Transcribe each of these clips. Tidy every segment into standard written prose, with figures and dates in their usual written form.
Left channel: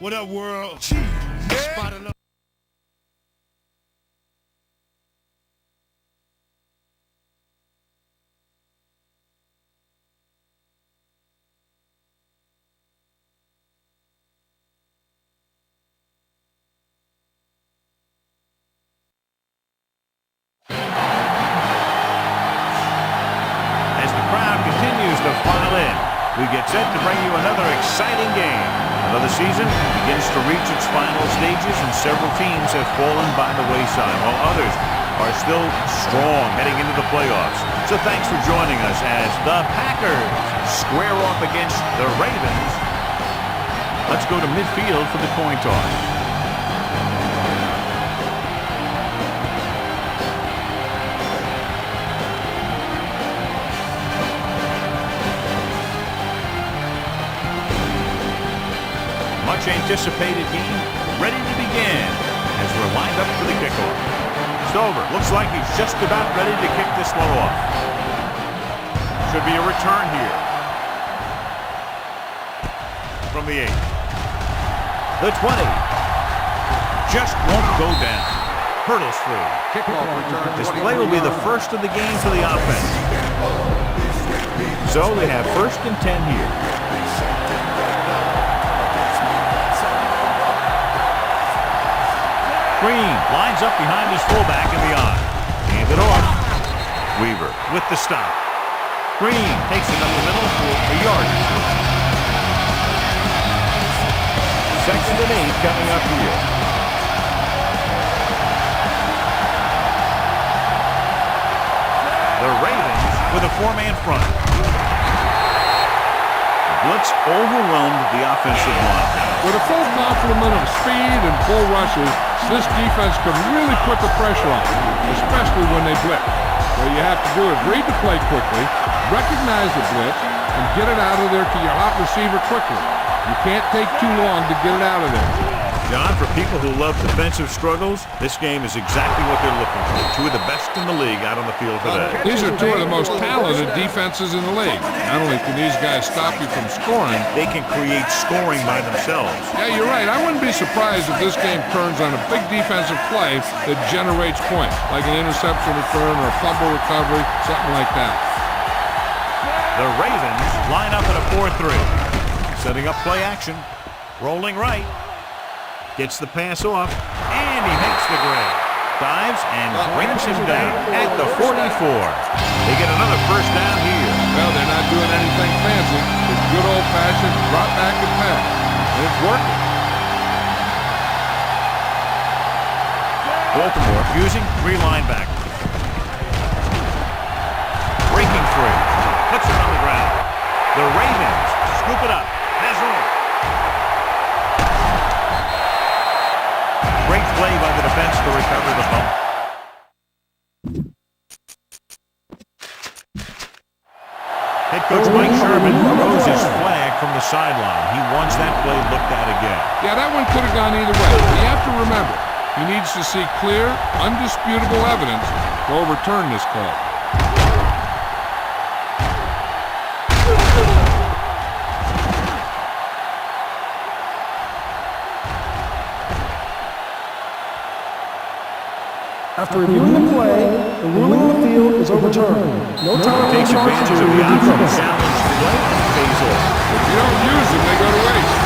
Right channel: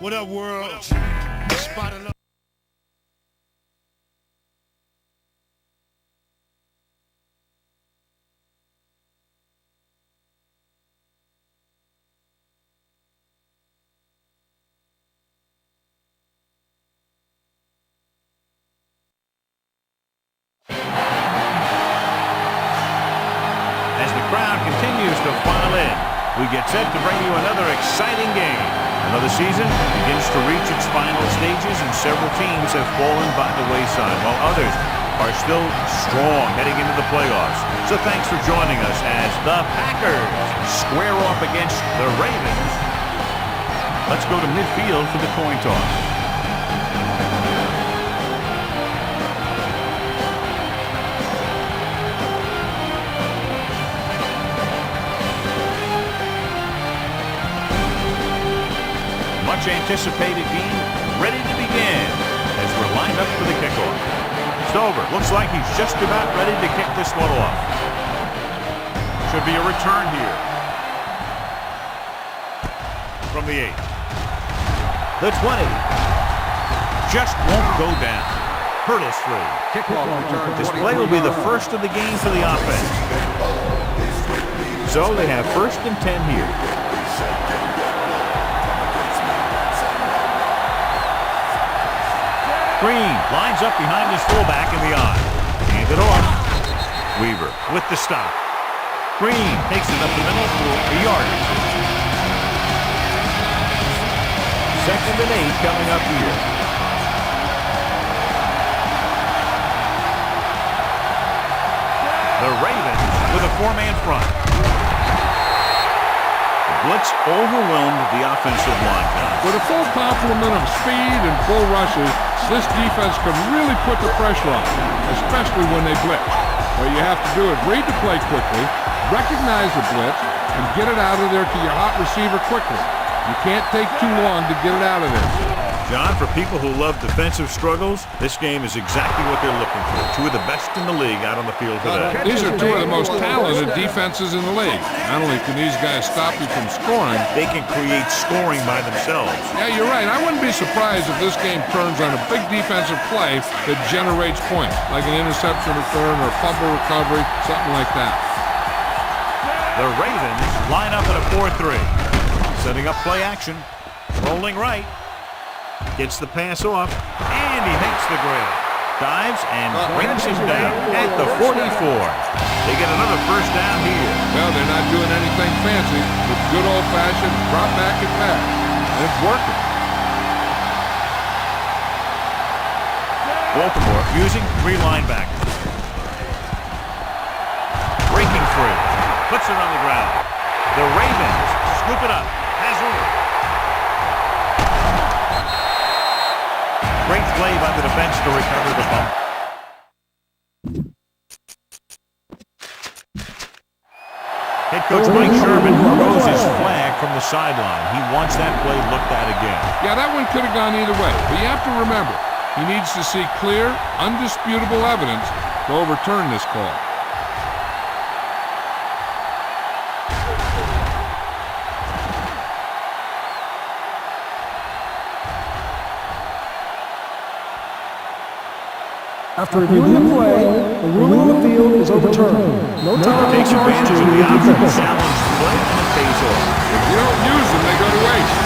What up, world? As the crowd continues to file in, we get set to bring you another exciting game. Another season begins to reach its final stages, and several teams have fallen by the wayside, while others are still strong heading into the playoffs. So thanks for joining us as the Packers square off against the Ravens. Let's go to midfield for the coin toss. Much anticipated game ready to begin as we're lined up for the kickoff. Stover looks like he's just about ready to kick this one off. Should be a return here. From the 8. The 20. Just won't go down. Hurdles through. Kickoff return. This play will be the first of the game for the offense. So they have 1st and 10 here. Green lines up behind his fullback in the eye. Hand it off. Weaver with the stop. Green takes it up the middle for a yard or 2. 2nd and 8 coming up here. The Ravens with a 4-man front. The blitz overwhelmed the offensive line, John. With a full complement of speed and full rushes, this defense can really put the pressure on, especially when they blitz. What you have to do is read the play quickly, recognize the blitz, and get it out of there to your hot receiver quickly. You can't take too long to get it out of there. John, for people who love defensive struggles, this game is exactly what they're looking for. 2 of the best in the league out on the field today. These are 2 of the most talented defenses in the league. Not only can these guys stop you from scoring, they can create scoring by themselves. Yeah, you're right. I wouldn't be surprised if this game turns on a big defensive play that generates points, like an interception return or a fumble recovery, something like that. The Ravens line up at a 4-3. Setting up play action. Rolling right. Gets the pass off, and he makes the grab. Dives and brings him down at the 44. They get another 1st down here. Well, they're not doing anything fancy, but good old-fashioned drop back and pass. And it's working. Baltimore using 3 linebackers. Breaking free. Puts it on the ground. The Ravens scoop it up. Has room. Great play by the defense to recover the bump. Head coach Mike Sherman throws his flag from the sideline. He wants that play looked at again. Yeah, that one could have gone either way. But you have to remember, he needs to see clear, undisputable evidence to overturn this call. After reviewing the play, the ruling on the field is overturned. No time takes advantage of the option to challenge the play, and it pays off. If you don't use them, they go to waste.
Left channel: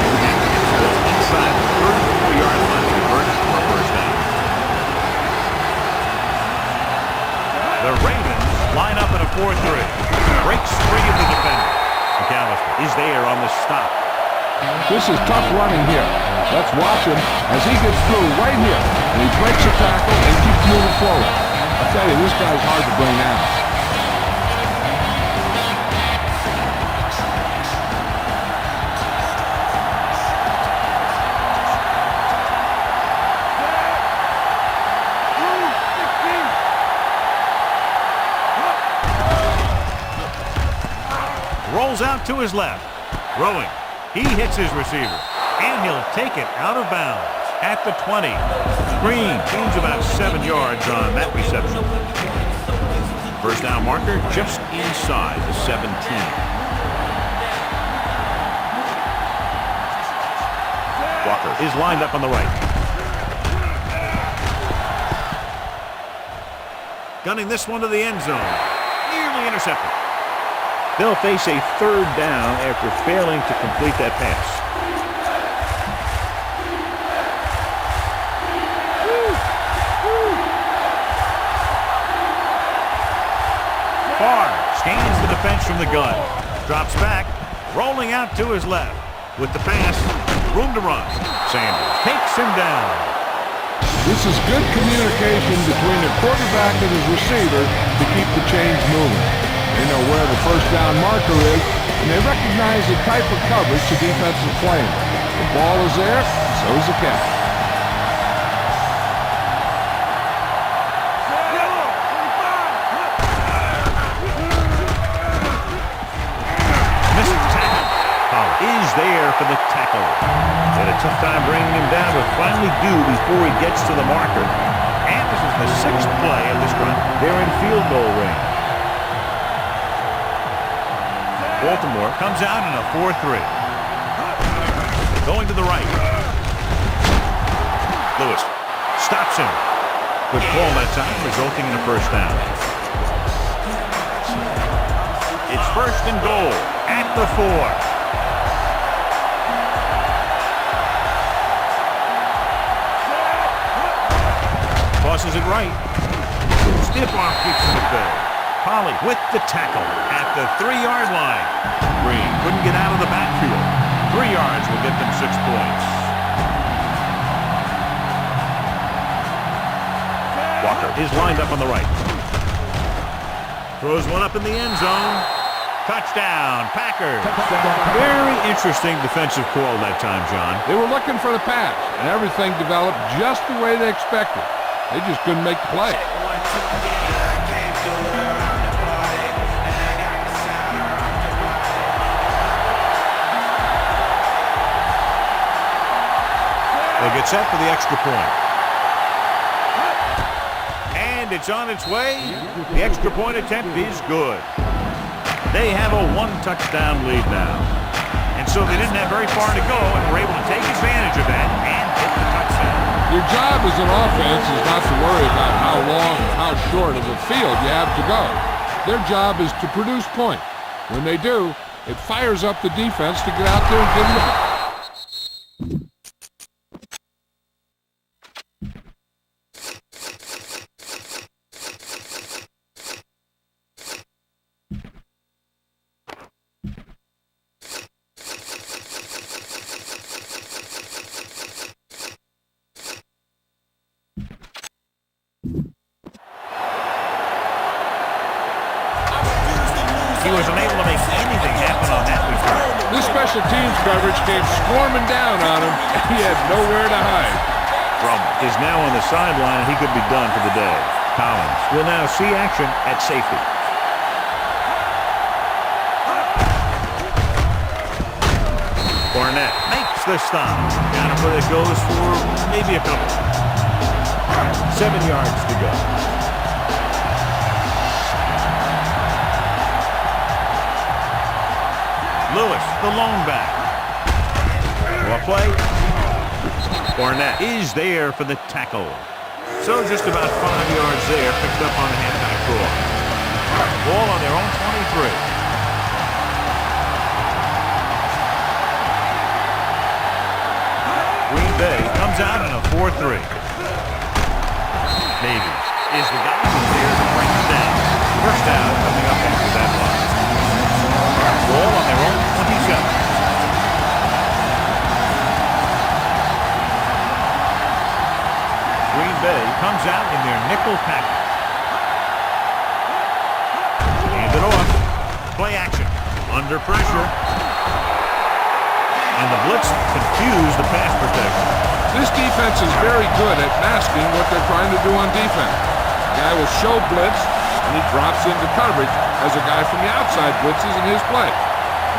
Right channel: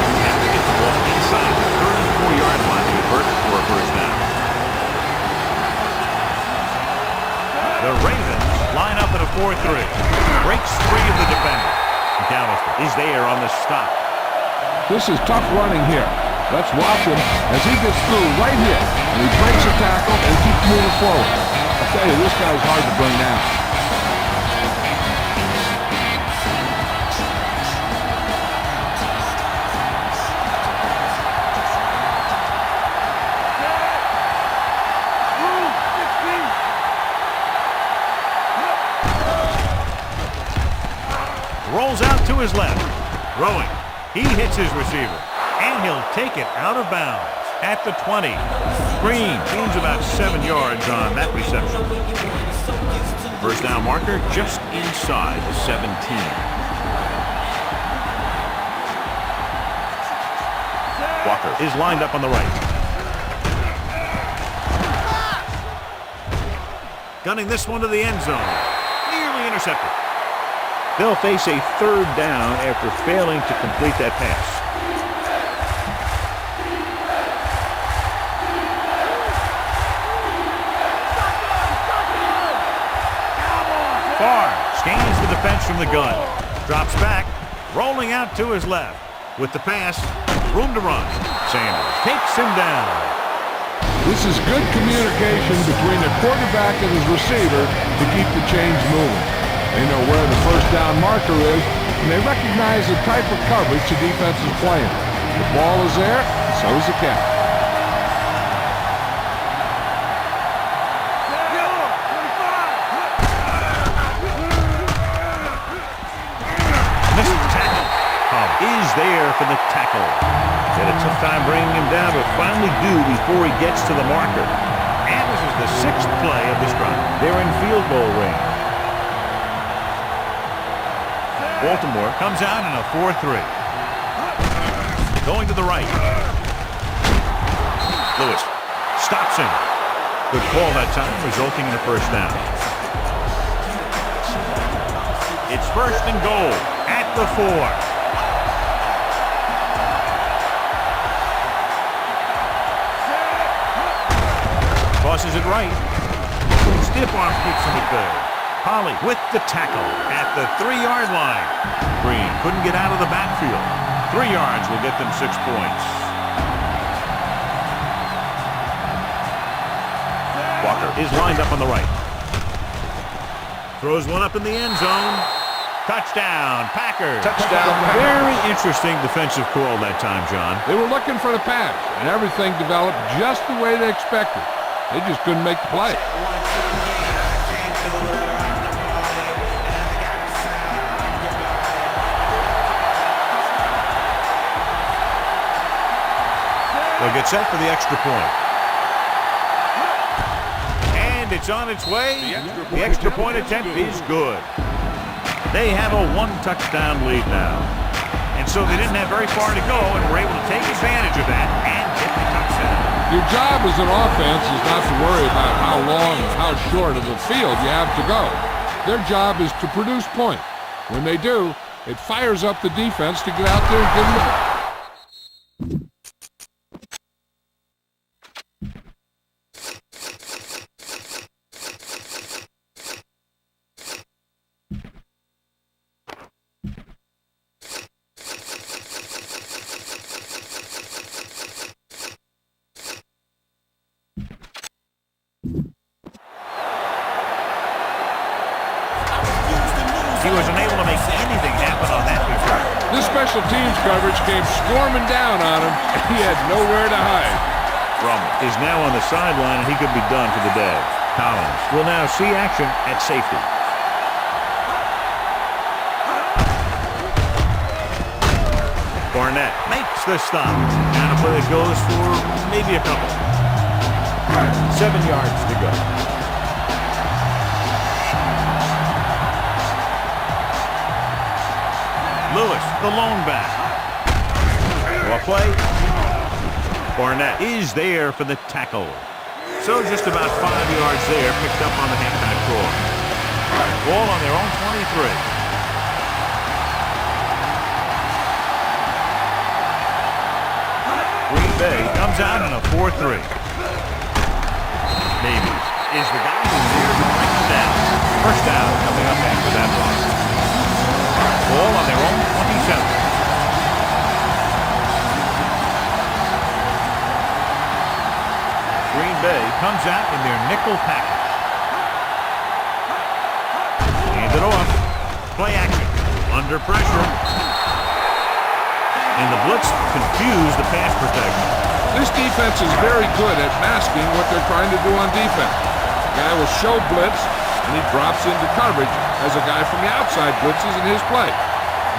You have to get the ball inside the 34-yard line to convert for a 1st down. The Ravens line up at a 4-3. Breaks free of the defender. McAllister is there on the stop. This is tough running here. Let's watch him as he gets through right here. And he breaks a tackle and keeps moving forward. I tell you, this guy's hard to bring down. Rolls out to his left. Throwing. He hits his receiver. And he'll take it out of bounds at the 20. Green gains about 7 yards on that reception. 1st down marker just inside the 17. Walker is lined up on the right. Gunning this one to the end zone. Nearly intercepted. They'll face a third down after failing to complete that pass. Barr scans the defense from the gun. Drops back, rolling out to his left. With the pass, room to run. Sanders takes him down. This is good communication between the quarterback and his receiver to keep the chains moving. They know where the first down marker is, and they recognize the type of coverage the defense is playing. The ball is there, and so is the catch. Missed tackle. Is there for the tackle. Had a tough time bringing him down, but finally do before he gets to the marker. And this is the 6th play of this drive. They're in field goal range. Baltimore comes out in a 4-3. Going to the right. Lewis stops him. Good call that time, resulting in a first down. It's 1st and goal at the 4. Tosses it right. Stiff arm kick from McVay. Polley with the tackle at the 3-yard line. Green couldn't get out of the backfield. 3 yards will get them 6 points. Walker is lined up on the right. Throws one up in the end zone. Touchdown, Packers. Touchdown. Very interesting defensive call that time, John. They were looking for the pass, and everything developed just the way they expected. They just couldn't make the play. They'll get set for the extra point. And it's on its way. The extra point attempt is good. They have a 1-touchdown lead now. And so they didn't have very far to go and were able to take advantage of that and get the touchdown. Your job as an offense is not to worry about how long or how short of the field you have to go. Their job is to produce points. When they do, it fires up the defense to get out there and give them the... He was unable to make anything happen on that return. This special teams coverage came swarming down on him, and he had nowhere to hide. Brummel is now on the sideline, and he could be done for the day. Collins will now see action at safety. Barnett makes the stop. Down a play that goes for maybe a couple. 7 yards to go. Lewis, the lone back. Well, play. Barnett is there for the tackle. So just about 5 yards there, picked up on the halfback draw. Ball on their own 23. Green Bay comes out in a 4-3. Davies is the guy who's there to bring him down. First down coming up after that run. Ball on their own 27. Green Bay comes out in their nickel package. Hand it off. Play action. Under pressure. And the blitz confused the pass protection. This defense is very good at masking what they're trying to do on defense. The guy will show blitz, and he drops into coverage as a guy from the outside blitzes in his play.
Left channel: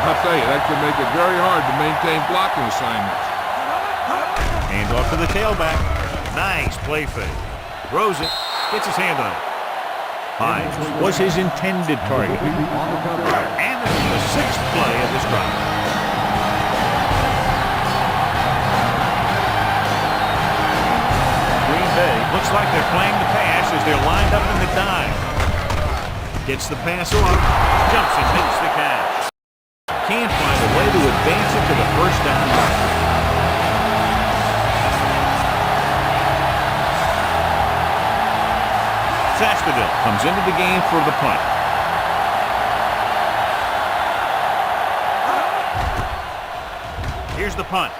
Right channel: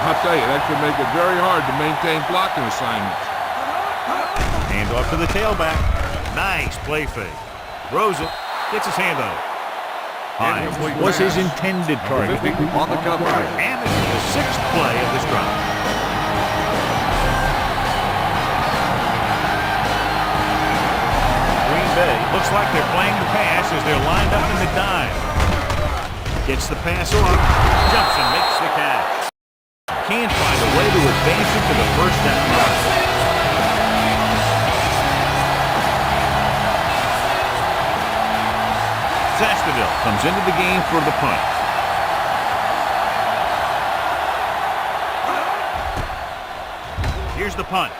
I'll tell you, that could make it very hard to maintain blocking assignments. Hand off to the tailback. Nice play fake. Throws it. Gets his hand on it. Hines was his intended target. On the cover. And this is the 6th play of this drive. Bay. Looks like they're playing the pass as they're lined up in the dime. Gets the pass off, jumps and makes the catch. Can't find a way to advance it to the first down line. Sastadil comes into the game for the punt. Here's the punt.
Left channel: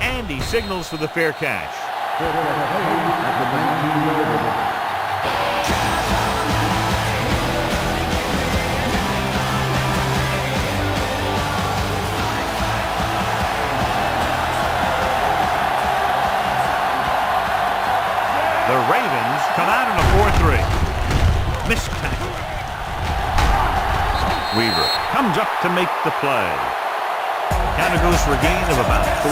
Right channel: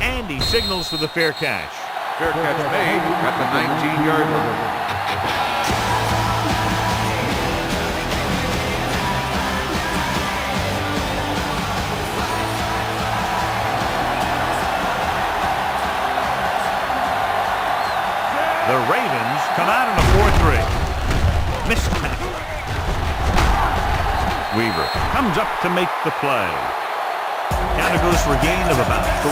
And he signals for the fair catch. Fair catch made at the 19-yard line. The Ravens come out in a 4-3. Missed tackle. Weaver comes up to make the play. Counter goes for a gain of about 3.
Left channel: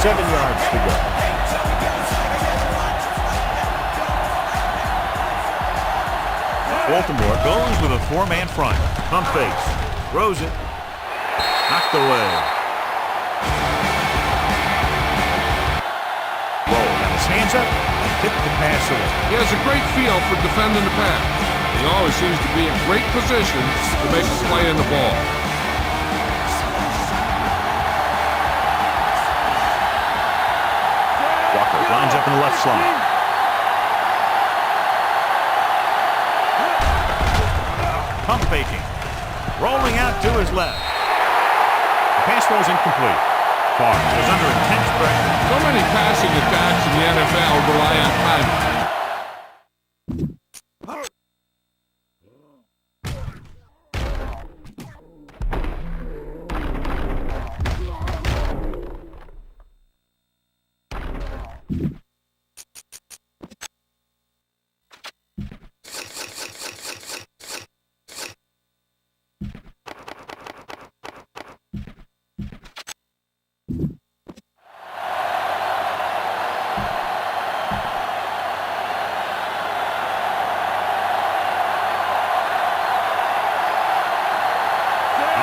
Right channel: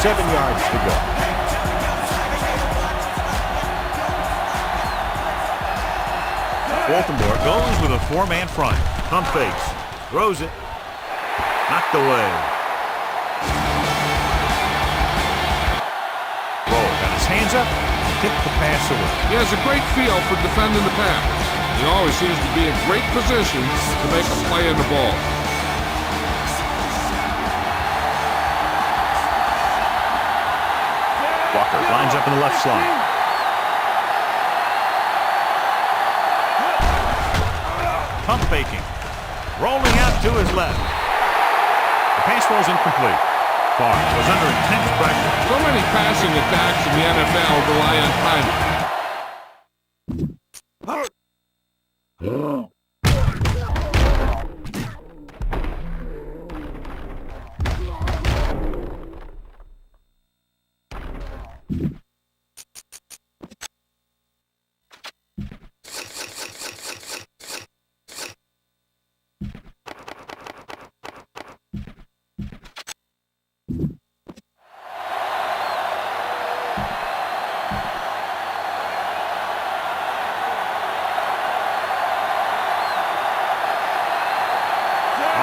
Seven yards to go. Baltimore goes with a 4-man front. Pump fake. Throws it. Knocked away. Roll. Got his hands up and tipped the pass away. He has a great feel for defending the pass. He always seems to be in great position to make a play in the ball. Walker lines up in the left slot. Pump faking. Rolling out to his left. The pass was incomplete. Barr was under intense pressure. So many passing attacks in the NFL rely on timing.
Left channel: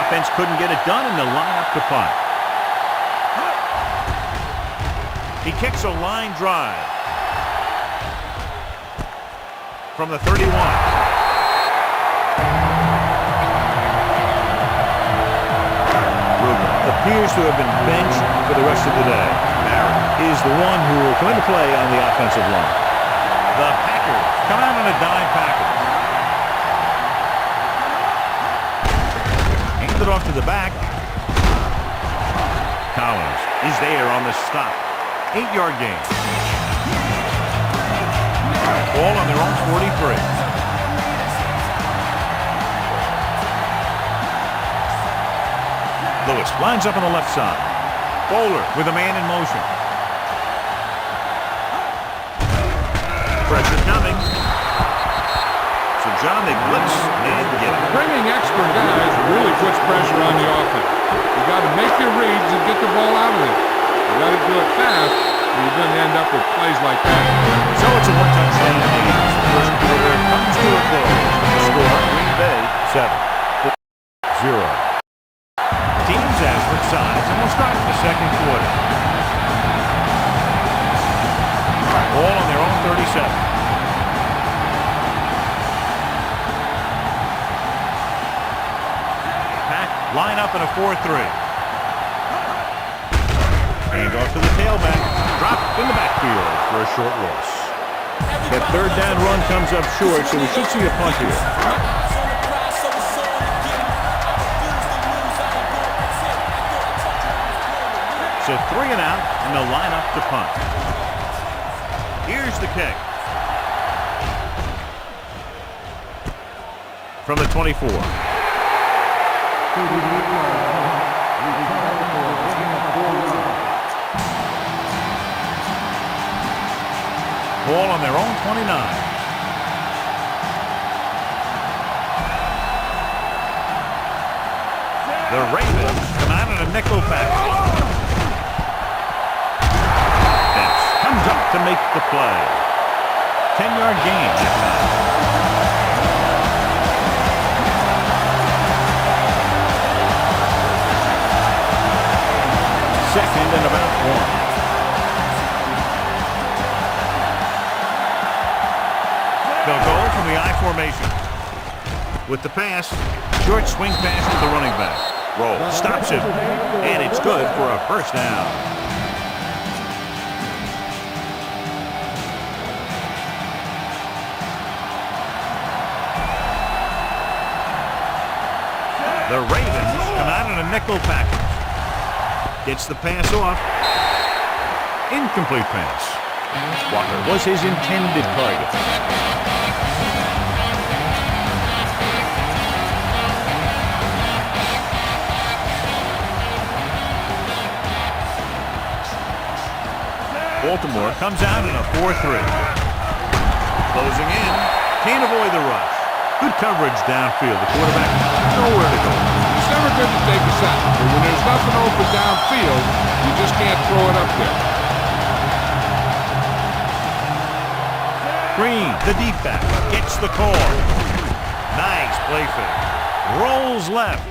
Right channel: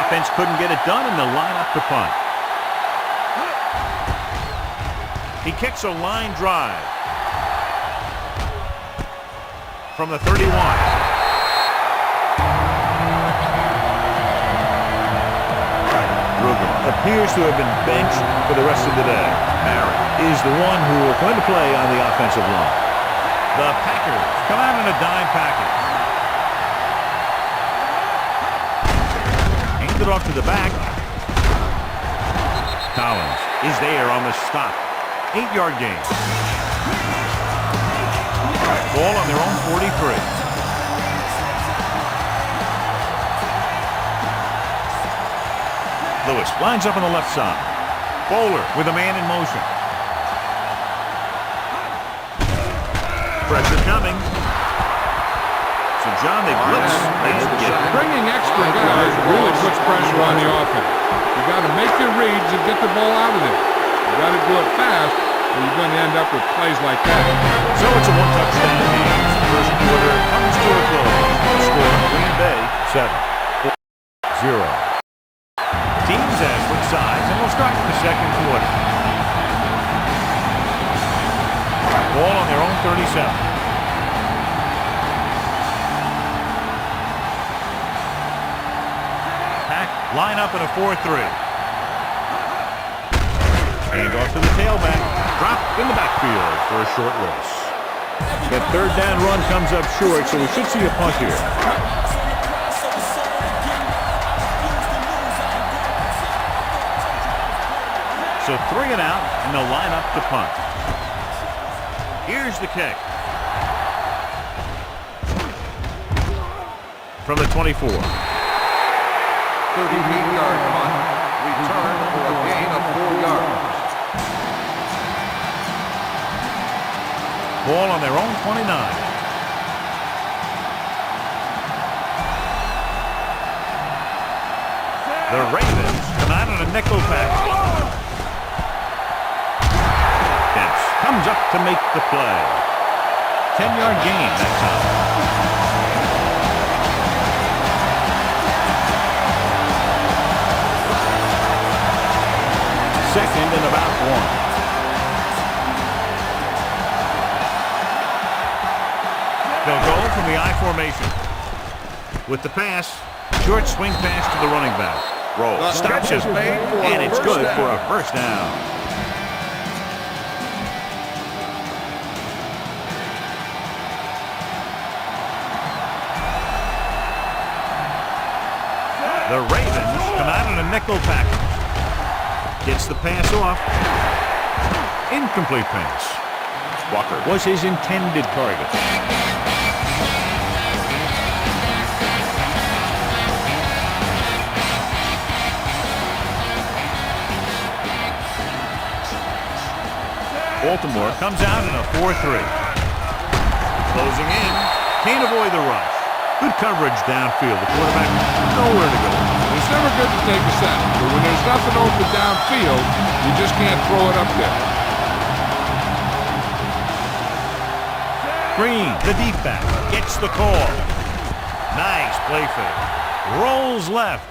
Offense couldn't get it done, and they'll line up to punt. He kicks a line drive from the 31. Ruger appears to have been benched for the rest of the day. Barry is the one who will come into play on the offensive line. The Packers come out in a dime package. It off to the back. Collins is there on the stop. 8-yard gain. Ball on their own 43. Lewis lines up on the left side. Bowler with a man in motion. Pressure coming. So, John, they blitz and get it. Bringing extra guys really puts pressure on the offense. You got to make your reads and get the ball out of there. You got to do it fast, or you're going to end up with plays like that. So it's a one-touchdown game. The first quarter comes to a close. Score: Green Bay 7-0. Teams have switched sides, and we'll start the second quarter. Ball on their own 37. Line up in a 4-3. Hand off to the tailback. Dropped in the backfield for a short loss. That third down run comes up short, so we should see a punt here. So 3 and out, and they'll line up to punt. Here's the kick. From the 24. 38-yard punt, return for a gain of 4 yards. Ball on their own 29. The Ravens come out in a nickel package. Dents comes up to make the play. 10-yard gain that time. second and about 1. They'll go from the I formation. With the pass, short swing pass to the running back. Roll, stops him, and it's good for a first down. The Ravens come out in a nickel package. Gets the pass off. Incomplete pass. Walker was his intended target. Baltimore comes out in a 4-3. Closing in. Can't avoid the rush. Good coverage downfield. The quarterback nowhere to go. It's never good to take a sack, but when there's nothing open downfield, you just can't throw it up there. Green, the deep back, gets the call. Nice play fake. Rolls left.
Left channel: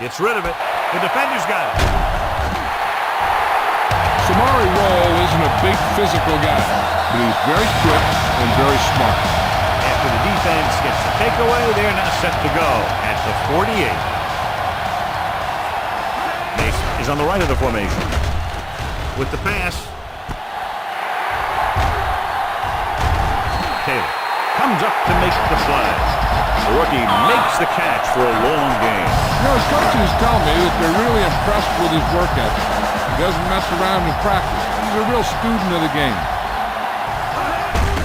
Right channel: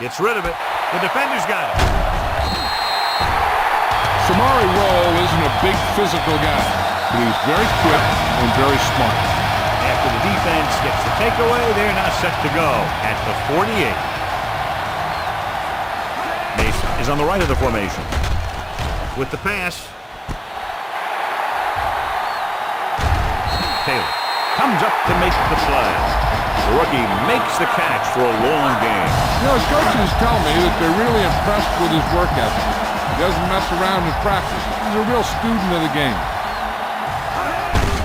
Gets rid of it. The defender's got it. Samari Roll isn't a big physical guy, but he's very quick and very smart. After the defense gets the takeaway, they're now set to go at the 48. Mason is on the right of the formation. With the pass, Taylor comes up to make the play. The rookie makes the catch for a long game. You know, his coaches tell me that they're really impressed with his work ethic. He doesn't mess around in practice. He's a real student of the game.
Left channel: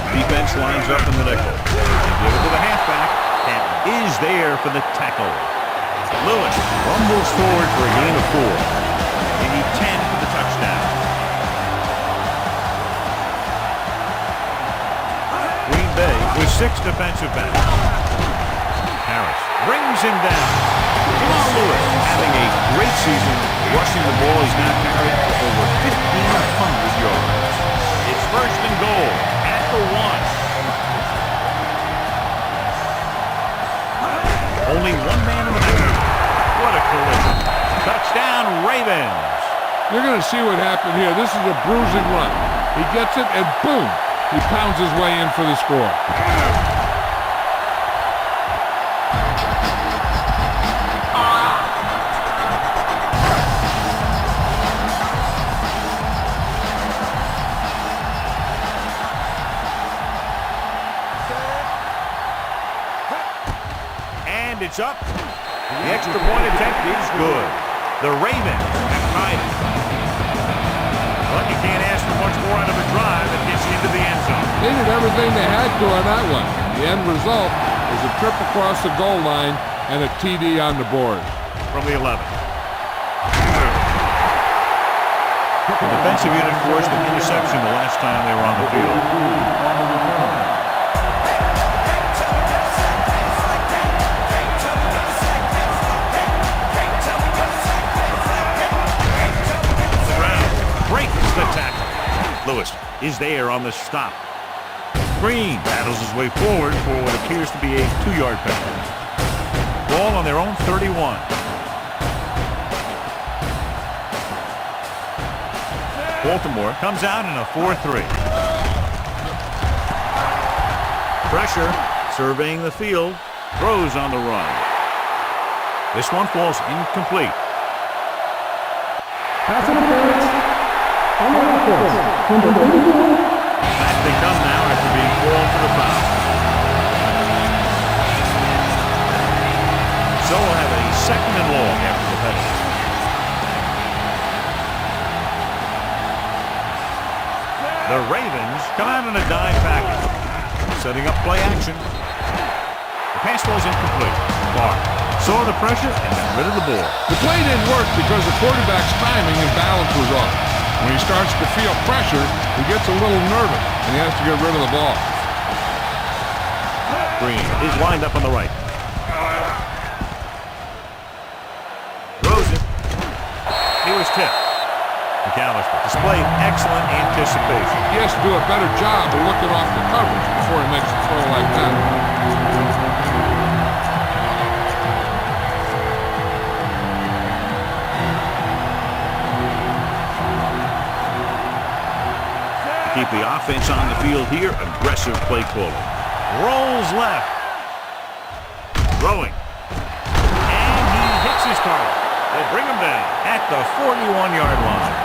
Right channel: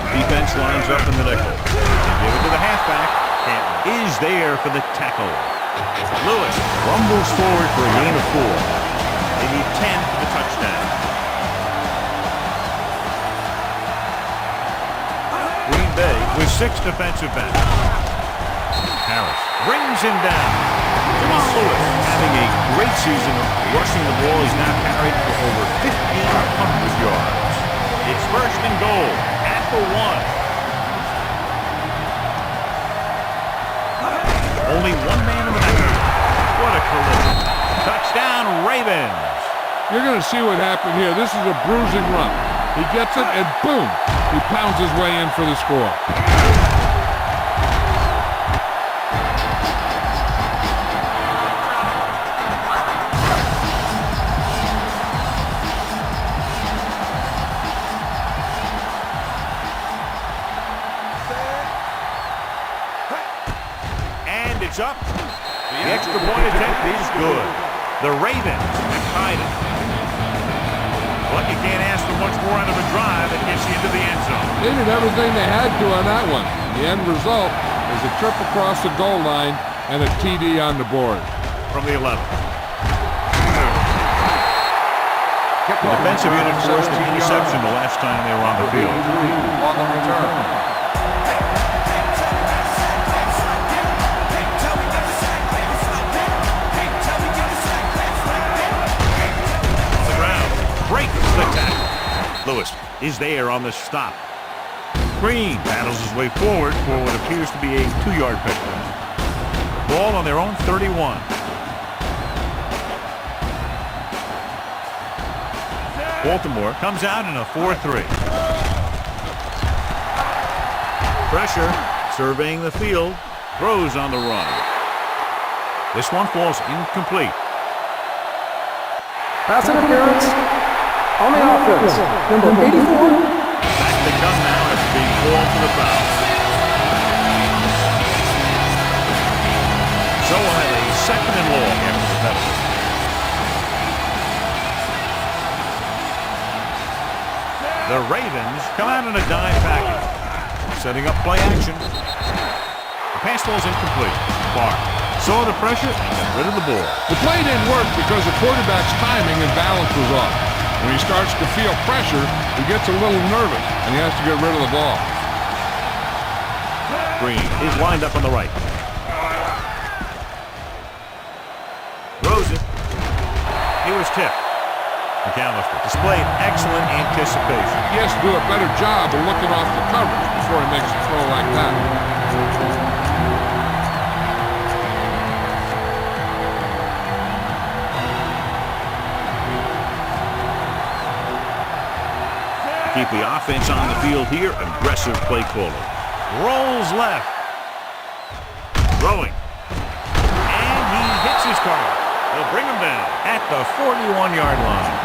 Defense lines up in the nickel. They give it to the halfback. Canton is there for the tackle. Lewis rumbles forward for a gain of 4. They need 10 for the touchdown. Green Bay with 6 defensive backs. Harris brings him down. Jamal Lewis having a great season rushing the ball. He's now carried for over 1,500 yards. It's first and goal at the 1. Only one man in the backfield. What a collision. Touchdown, Ravens. You're going to see what happened here. This is a bruising run. He gets it, and boom, he pounds his way in for the score. And it's up. The extra point attempt is good. The Ravens have tied it. But you can't ask for much more out of a drive that gets you into the end zone. They did everything they had to on that one. The end result is a trip across the goal line and a TD on the board. From the 11. The defensive unit forced an interception the last time they were on the field. Breaks the tackle. Lewis is there on the stop. Green battles his way forward for what appears to be a 2-yard pickup. Ball on their own 31. Baltimore comes out in a 4-3. Pressure, surveying the field, throws on the run. This one falls incomplete. Pass interference on the offense. Number 84. Back they come now after being called for the foul. So we'll have a second and long after the penalty. The Ravens come out in a dime package. Setting up play action. The pass ball's incomplete. Barr saw the pressure and got rid of the ball. The play didn't work because the quarterback's timing and balance was off. When he starts to feel pressure, he gets a little nervous, and he has to get rid of the ball. Green is lined up on the right. Throws it. He was tipped. McAllister displayed excellent anticipation. He has to do a better job of looking off the coverage before he makes a throw like that. keep the offense on the field here. Aggressive play calling. Rolls left. Throwing. And he hits his target. They'll bring him down at the 41-yard line.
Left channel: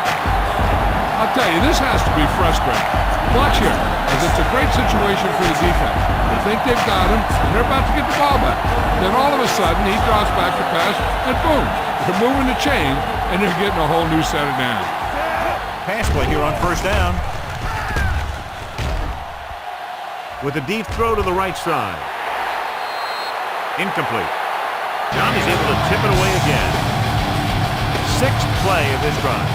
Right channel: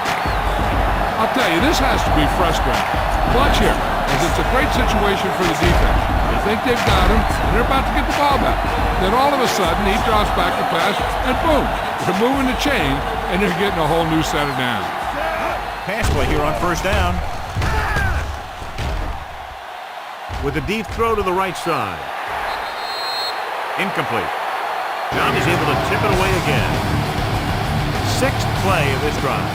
I'll tell you, this has to be frustrating. Watch here, as it's a great situation for the defense. They think they've got him, and they're about to get the ball back. Then all of a sudden, he drops back to pass, and boom, they're moving the chain, and they're getting a whole new set of downs. Pass play here on first down. With a deep throw to the right side. Incomplete. Johnny's able to tip it away again. Sixth play of this drive.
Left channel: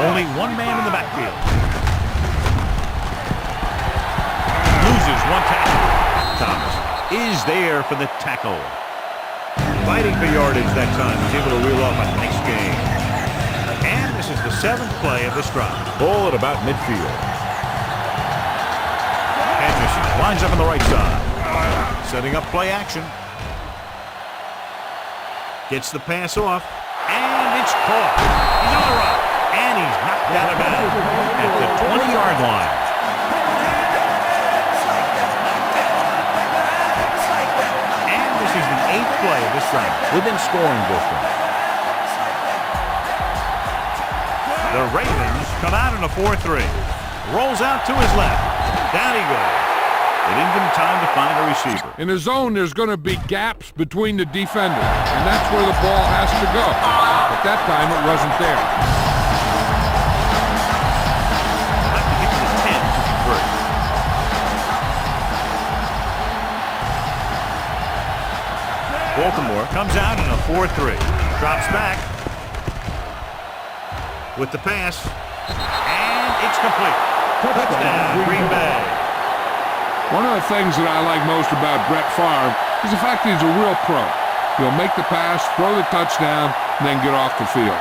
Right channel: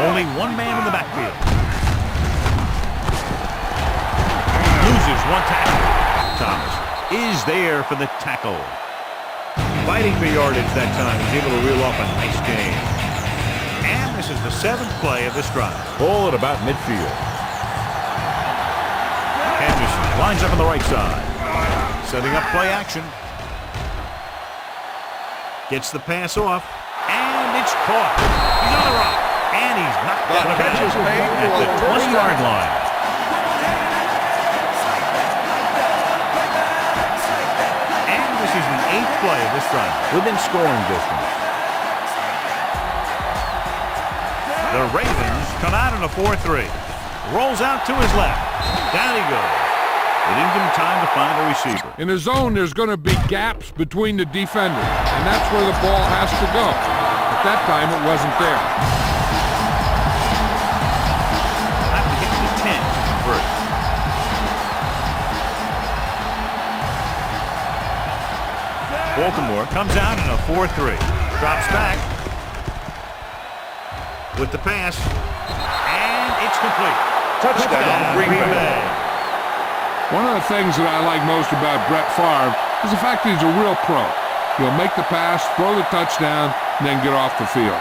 Only one man in the backfield. Loses one tackle. Thomas is there for the tackle. Fighting for yardage that time. He's able to reel off a nice gain. And this is the seventh play of this drive. Ball at about midfield. Henderson lines up on the right side. Setting up play action. Gets the pass off. And it's caught. He's on the run. And he's knocked out of bounds at the 20-yard line. And this is the eighth play of this drive, within scoring distance. The Ravens come out in a 4-3. Rolls out to his left. Down he goes. They didn't give him time to find a receiver. In the zone, there's going to be gaps between the defenders, and that's where the ball has to go. But that time, it wasn't there. Baltimore comes out in a 4-3. Drops back with the pass. And it's complete. Touchdown, Green Bay. One of the things that I like most about Brett Favre is the fact that he's a real pro. He'll make the pass, throw the touchdown, and then get off the field.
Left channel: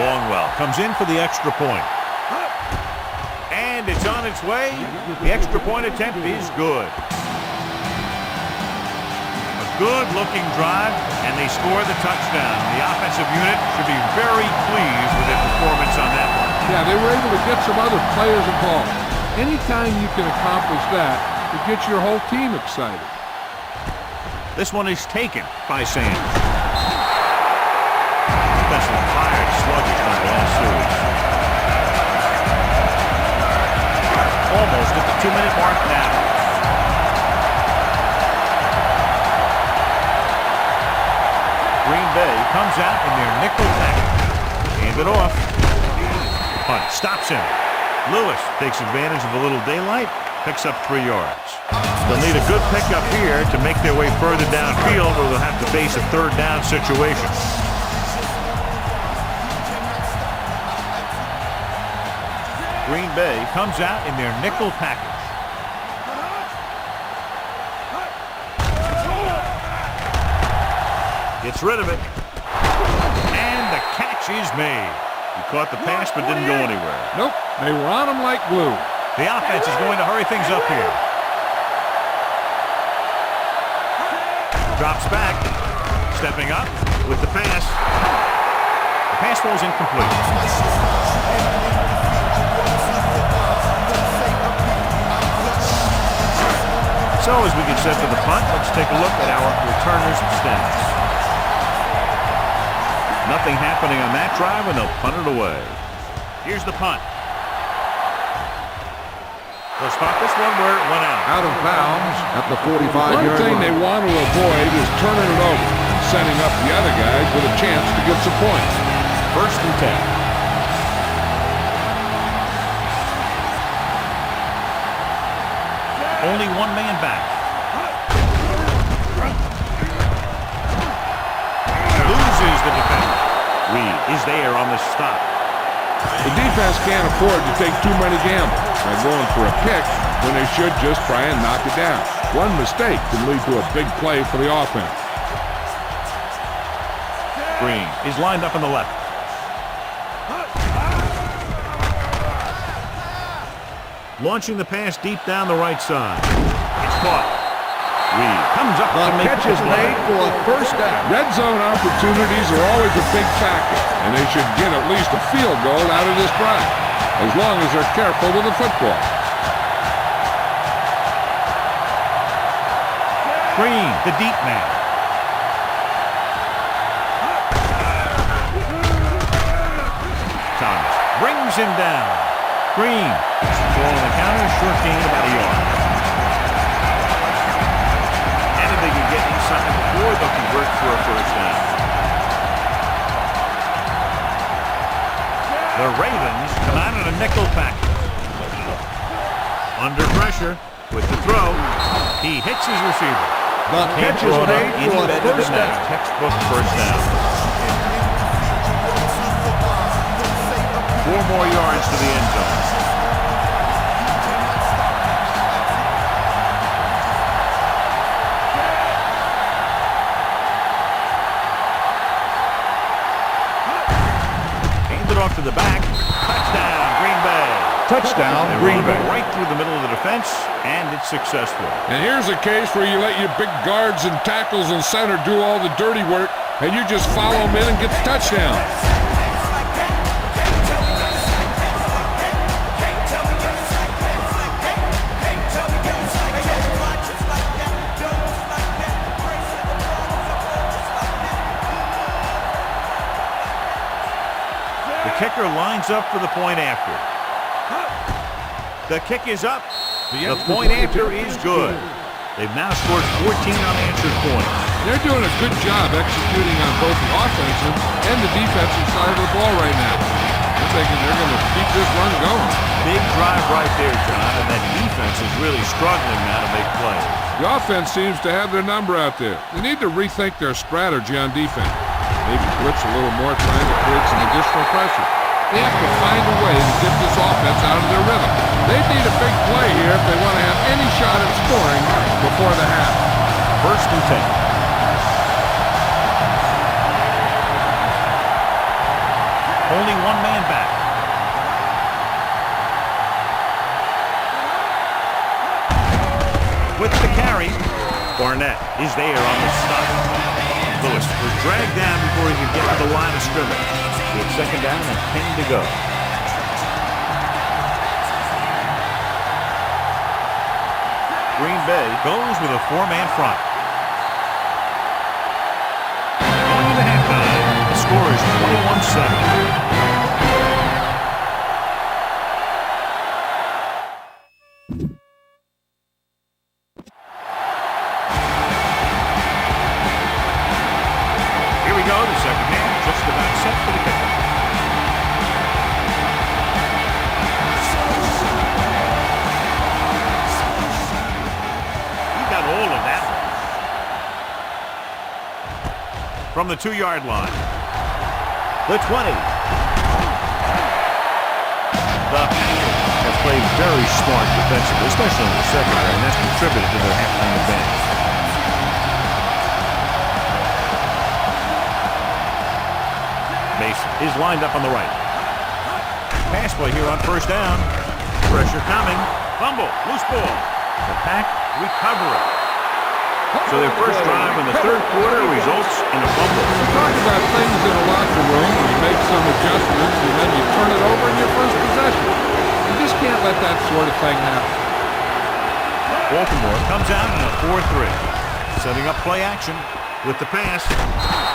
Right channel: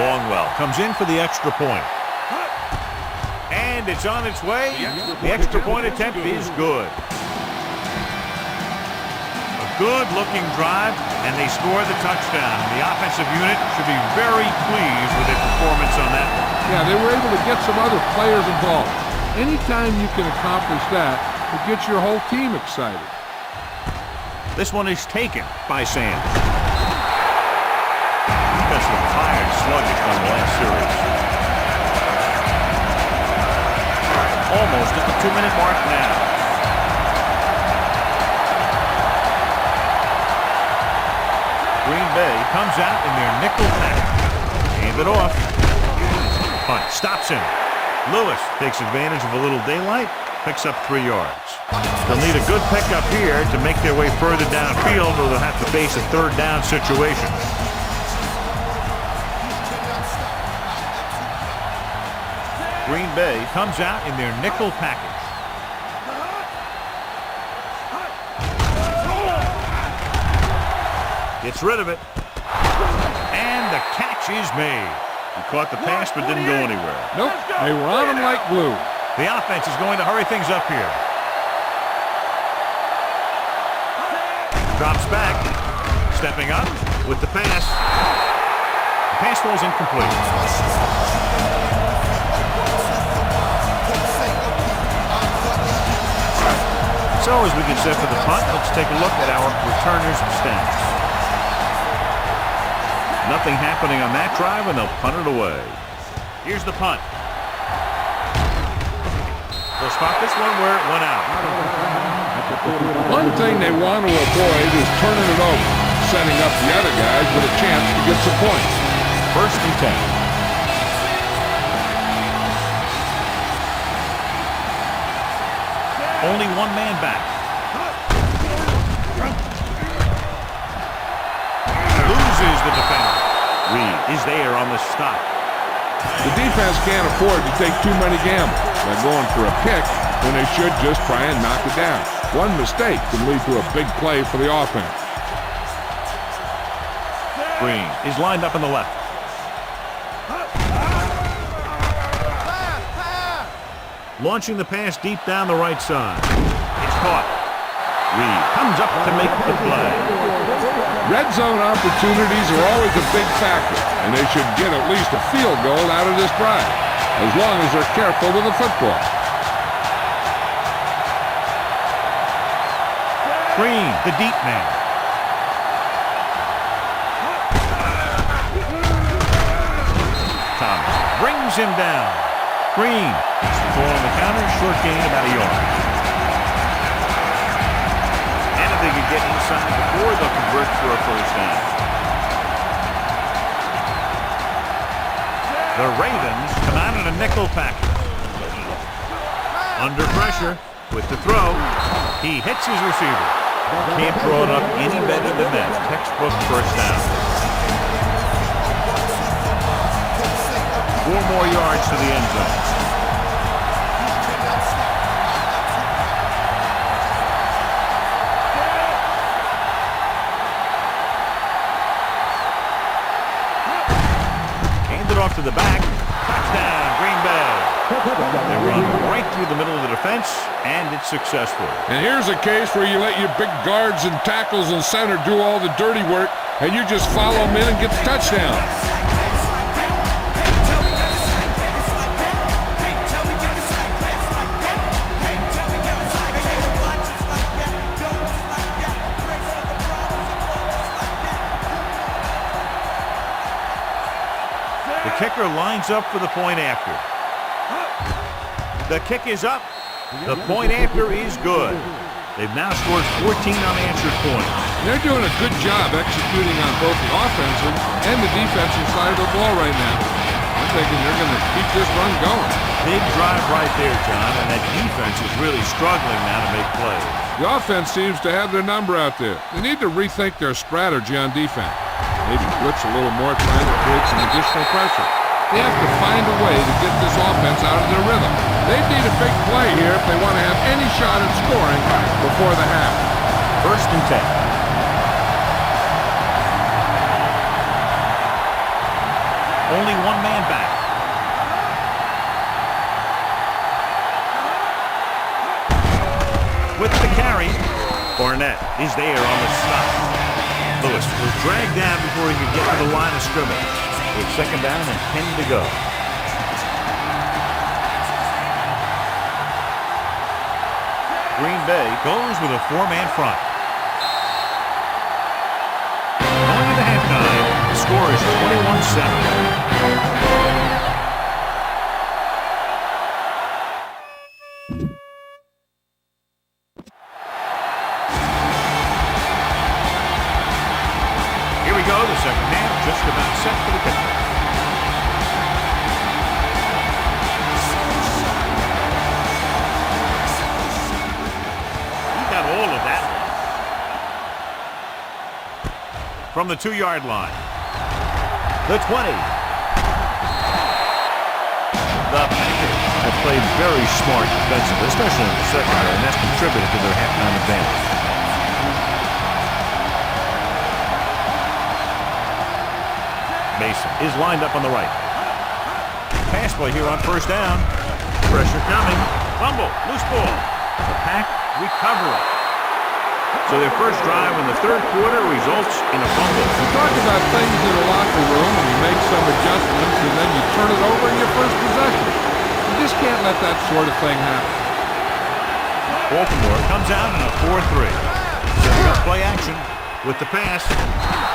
Longwell comes in for the extra point. And it's on its way. The extra point attempt is good. A good-looking drive, and they score the touchdown. The offensive unit should be very pleased with their performance on that one. Yeah, they were able to get some other players involved. Anytime you can accomplish that, it gets your whole team excited. This one is taken by Sanders. Defense was tired, sluggish on the last series. Almost at the 2-minute mark now. Green Bay comes out in their nickel package. Hand it off. Punt stops him. Lewis takes advantage of a little daylight, picks up 3 yards. They'll need a good pickup here to make their way further downfield, or they'll have to face a third down situation. Green Bay comes out in their nickel package. Gets rid of it. And the catch is made. He caught the pass but didn't go anywhere. Nope, they were on him like glue. The offense is going to hurry things up here. Drops back. Stepping up with the pass. The pass falls incomplete. So as we get set for the punt, let's take a look at our returners' stats. Nothing happening on that drive, and they'll punt it away. Here's the punt. They'll spot this one where it went out. Out of bounds at the 45-yard line. One thing they want to avoid is turning it over, setting up the other guys with a chance to get some points. 1st and 10. Only one man back. Loses the defender. Reed is there on the stop. The defense can't afford to take too many gambles by going for a pick when they should just try and knock it down. One mistake can lead to a big play for the offense. Green is lined up on the left. Launching the pass deep down the right side. It's caught. Reed comes up to make the play. For a first down. Red zone opportunities are always a big factor, and they should get at least a field goal out of this drive, as long as they're careful with the football. Green, the deep man. Thomas brings him down. Green, it's the ball on the counter, short gain about a yard. And if they can get inside before, they'll convert for a first down. The Ravens come out in a nickel package. Under pressure with the throw. He hits his receiver. Can't throw it up any better than that. Textbook first down. 4 more yards to the end zone. Hand it off to the back. Touchdown, Green Bay. Touchdown, They Green run Bay. right through the middle of the defense, and it's successful. And here's a case where you let your big guards and tackles and center do all the dirty work, and you just follow them in and get the touchdown. The kicker lines up for the point after. The kick is up. The point after is good. They've now scored 14 unanswered points. They're doing a good job executing on both the offensive and the defensive side of the ball right now. I'm thinking they're going to keep this run going. Big drive right there, John, and that defense is really struggling now to make plays. The offense seems to have their number out there. They need to rethink their strategy on defense. Maybe blitz a little more, trying to create some additional pressure. They have to find a way to get this offense out of their rhythm. They need a big play here if they want to have any shot at scoring before the half. 1st and 10. Only one man back. With the carry, Barnett is there on the stop. Lewis was dragged down before he could get to the line of scrimmage. It's 2nd down and 10 to go. Green Bay goes with a 4-man front. Going into halftime, the score is 21-7. Here we go, the second half, just about set for the kickoff. He got all of that one. From the 2-yard line. The 20. The Packers have played very smart defensively, especially in the secondary, and that's contributed to their halftime advantage. Mason is lined up on the right. Pass play here on 1st down. Pressure coming. Fumble. Loose ball. The Pack recover it. So their first drive in the 3rd quarter results in a fumble. You talk about things in a locker room and you make some adjustments and then you turn it over in your first possession. You just can't let that sort of thing happen. Baltimore comes out in a 4-3. Setting up play action with the pass.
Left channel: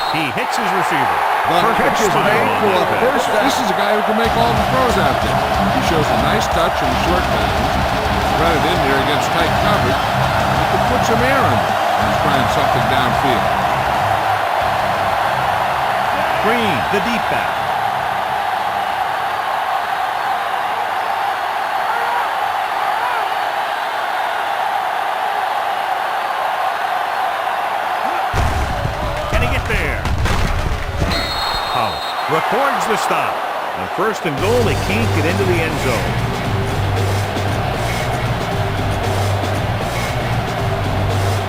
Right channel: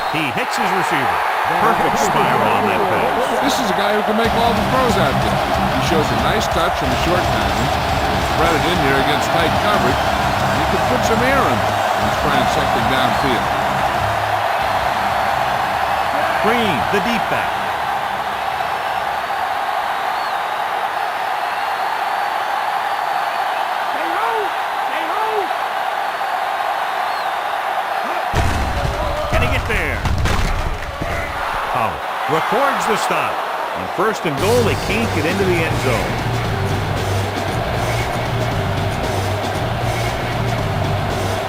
He hits his receiver. Perfect spiral on that pass. This is a guy who can make all the throws out there. He shows a nice touch in the short passing, can thread it in there against tight coverage, and he can put some air under it when he's trying something downfield. Green, the deep back. Can he get there? Hollis records the stop. On 1st and goal, they can't get into the end zone.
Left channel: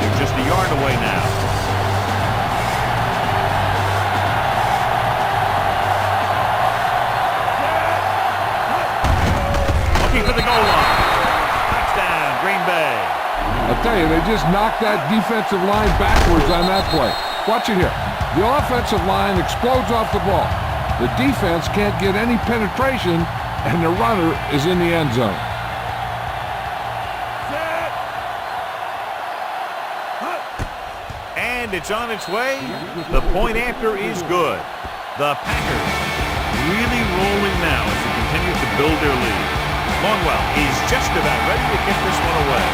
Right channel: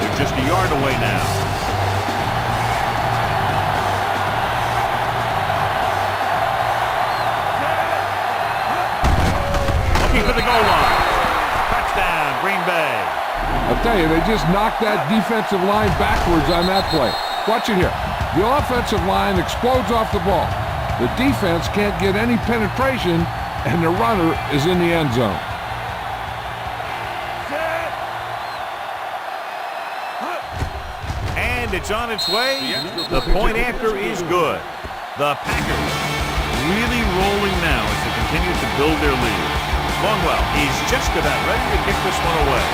They're just a yard away now. Looking for the goal line. Green Bay. I'll tell you, they just knocked that defensive line backwards on that play. Watch it here. The offensive line explodes off the ball. The defense can't get any penetration, and the runner is in the end zone. And it's on its way. The point after is good. The Packers really rolling now as they continue to build their lead. Longwell is just about ready to kick this one away.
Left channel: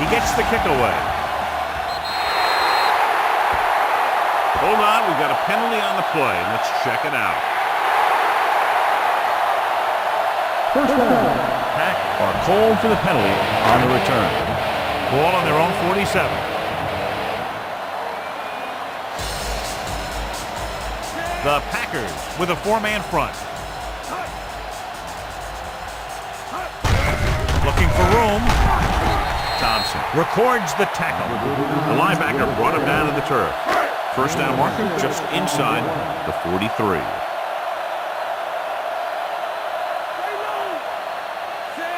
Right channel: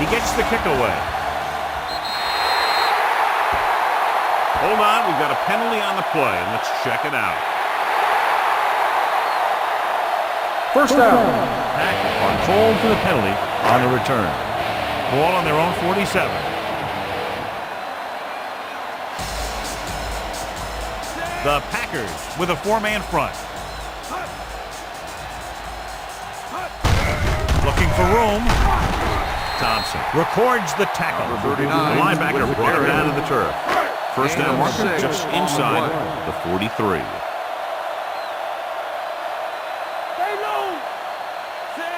He gets the kick away. Hold on, we've got a penalty on the play, and let's check it out. First down. Pack are called for the penalty on the return. Ball on their own 47. The Packers with a four-man front. Looking for room. Thompson records the tackle. The linebacker brought him down to the turf. First down marker just inside the 43.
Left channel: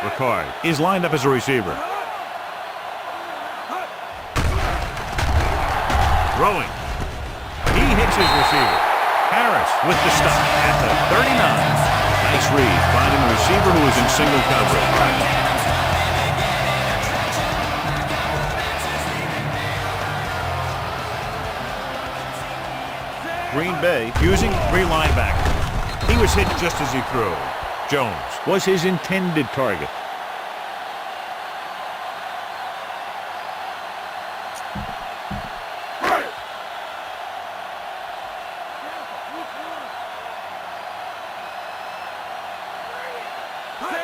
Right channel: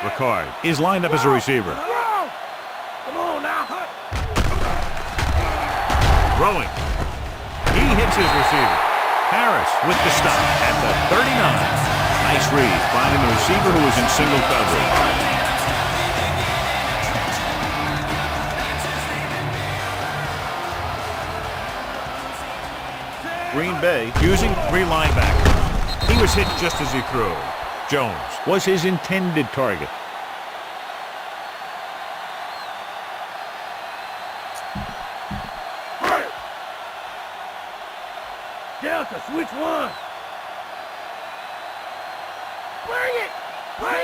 Ricard is lined up as a receiver. Throwing. He hits his receiver. Harris with the stop at the 39. Nice read, finding the receiver who is in single coverage. Green Bay using three linebackers. He was hit just as he threw. Jones was his intended target.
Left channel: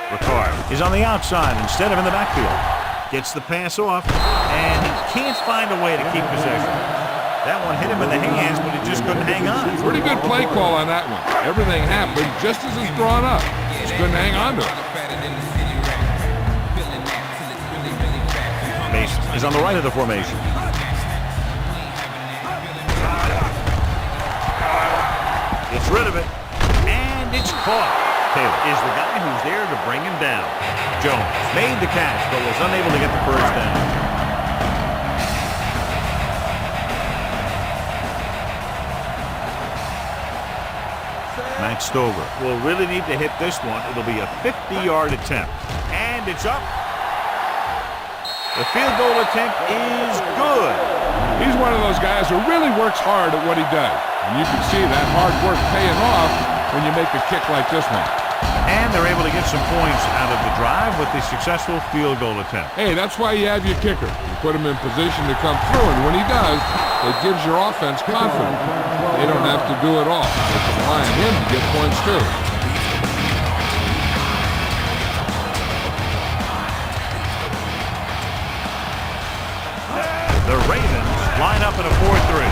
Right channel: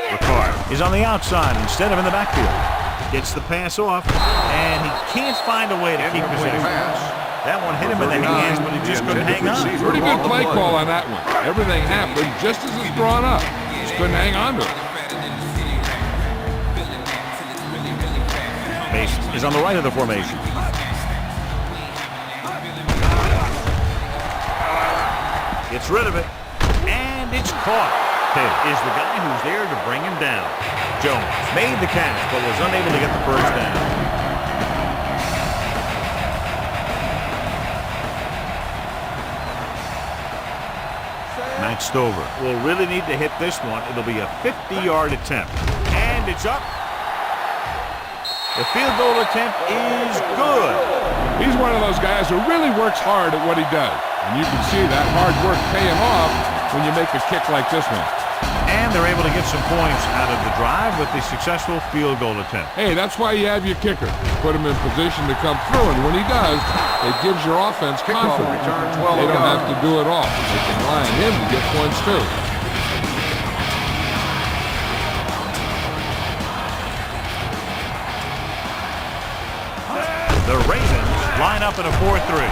Ricard is on the outside instead of in the backfield. Gets the pass off, and he can't find a way to keep possession. That one hit him in the hands, but he just couldn't hang on. Pretty good play call on that one. Everything happened just as it's drawn up. Just couldn't hang on to it. Mason is on the right of the formation. Gets rid of it, and it's caught. Taylor is the guy who's there to bring him down. Jones made the catch, but was unable to get the first down. Matt Stover will really need to hit this one. It'll be a 50-yard attempt. And it's up. The field goal attempt is good. He's one of those guys who really works hard at what he does. And you can see that hard work paying off when you make a kick like this one. And they're able to get some points out of the drive with the successful field goal attempt. Hey, that's why you have your kicker. Put him in position to come through, and when he does, it gives your offense confidence. They don't have to do it all. They can rely on him to get points too. The Ravens line up in a 4-3.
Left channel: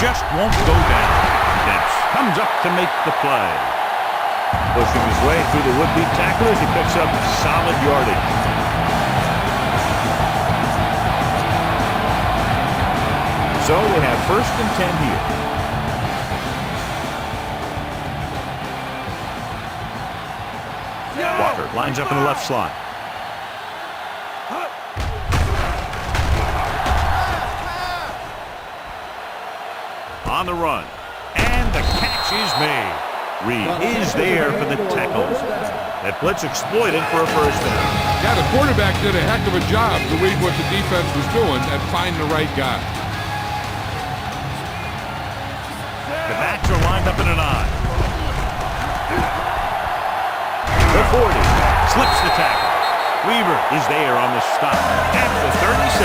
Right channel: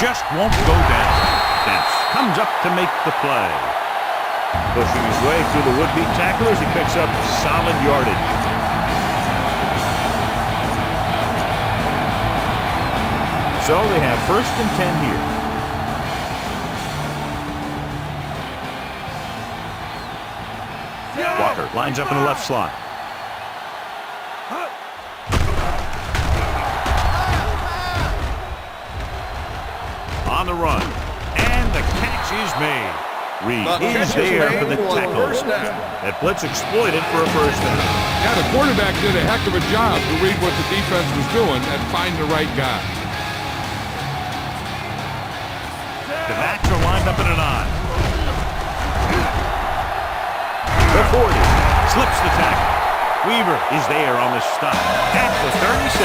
Just won't go down. Dents comes up to make the play. Pushing his way through the would-be tacklers, he picks up solid yardage. So they have 1st and 10 here. Walker lines up in the left slot. On the run. And the catch is made. Reed is there for the tackles. That blitz exploited for a first down. Yeah, the quarterback did a heck of a job to read what the defense was doing and find the right guy. The backs are lined up in an I. The 40 slips the tackle. Weaver is there on the stop at the 36.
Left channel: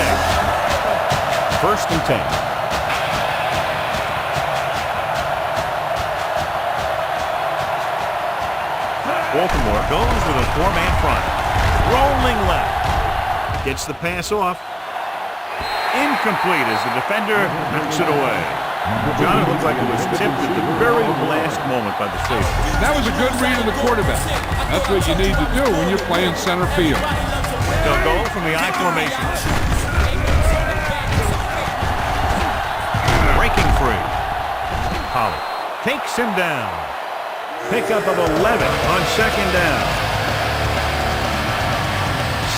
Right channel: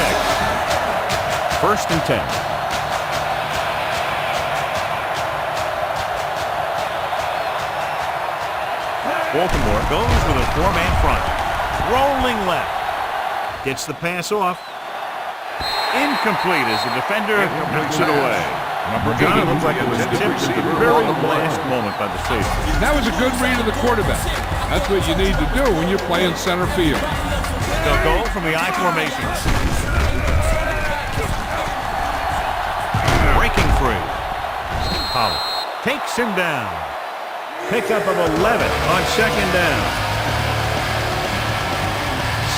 1st and 10. Baltimore goes with a four-man front. Rolling left. Gets the pass off. Incomplete as the defender knocks it away. John, it looked like it was tipped at the very last moment by the safety. That was a good read of the quarterback. That's what you need to do when you're playing center field. They'll go from the I formation. Breaking free. Pollard takes him down. Pickup of 11 on second down.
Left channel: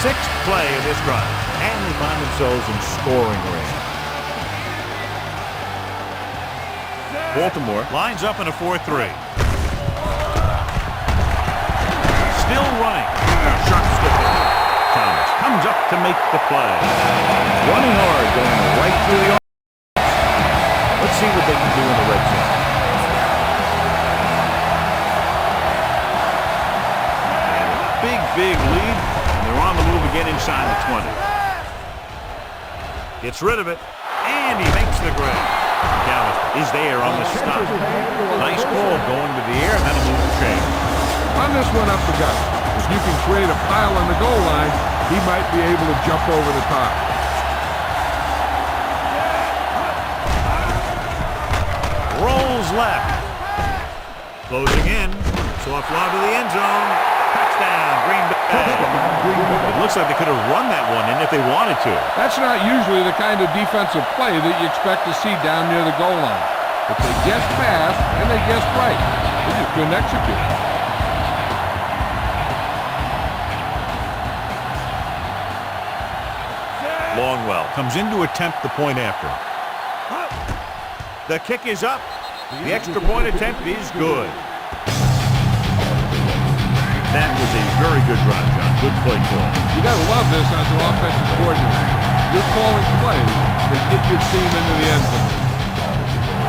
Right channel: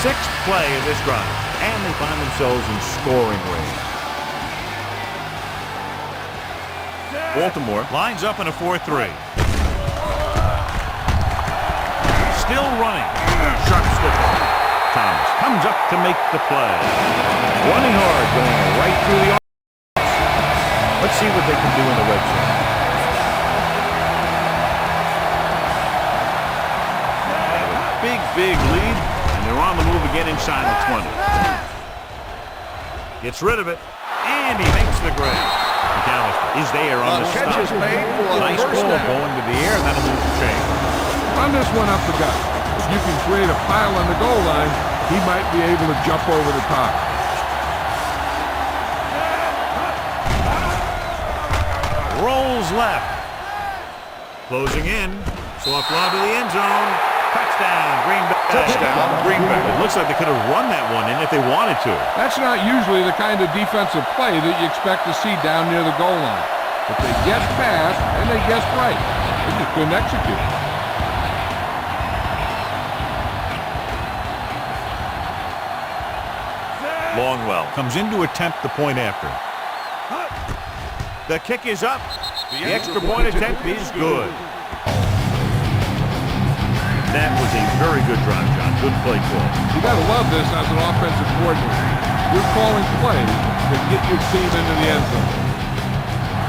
Sixth play of this drive, and they find themselves in scoring range. Baltimore lines up in a 4-3. Still running. Sharp stiffle. Thomas comes up to make the play. Running hard, going right through the arm. Let's see what they can do in the red zone. They have a big lead, and they're on the move again inside the 20. Gets rid of it, and he makes the grab. McAllister is there on the stop. Nice ball going to the air, and that'll move the chain. Run this one up the gut. If you can create a pile on the goal line, he might be able to jump over the top. Rolls left. Closing in. Soft lob to the end zone. Touchdown, Green Bay. It looks like they could have run that one in if they wanted to. That's not usually the kind of defensive play that you expect to see down near the goal line. But they guessed fast, and they guessed right. They just couldn't execute. Longwell comes in to attempt the point after. The kick is up. The extra point attempt is good. That was a very good drive, John. Good play call. You got to love this as an offensive coordinator. You're calling plays that get your team into the end zone.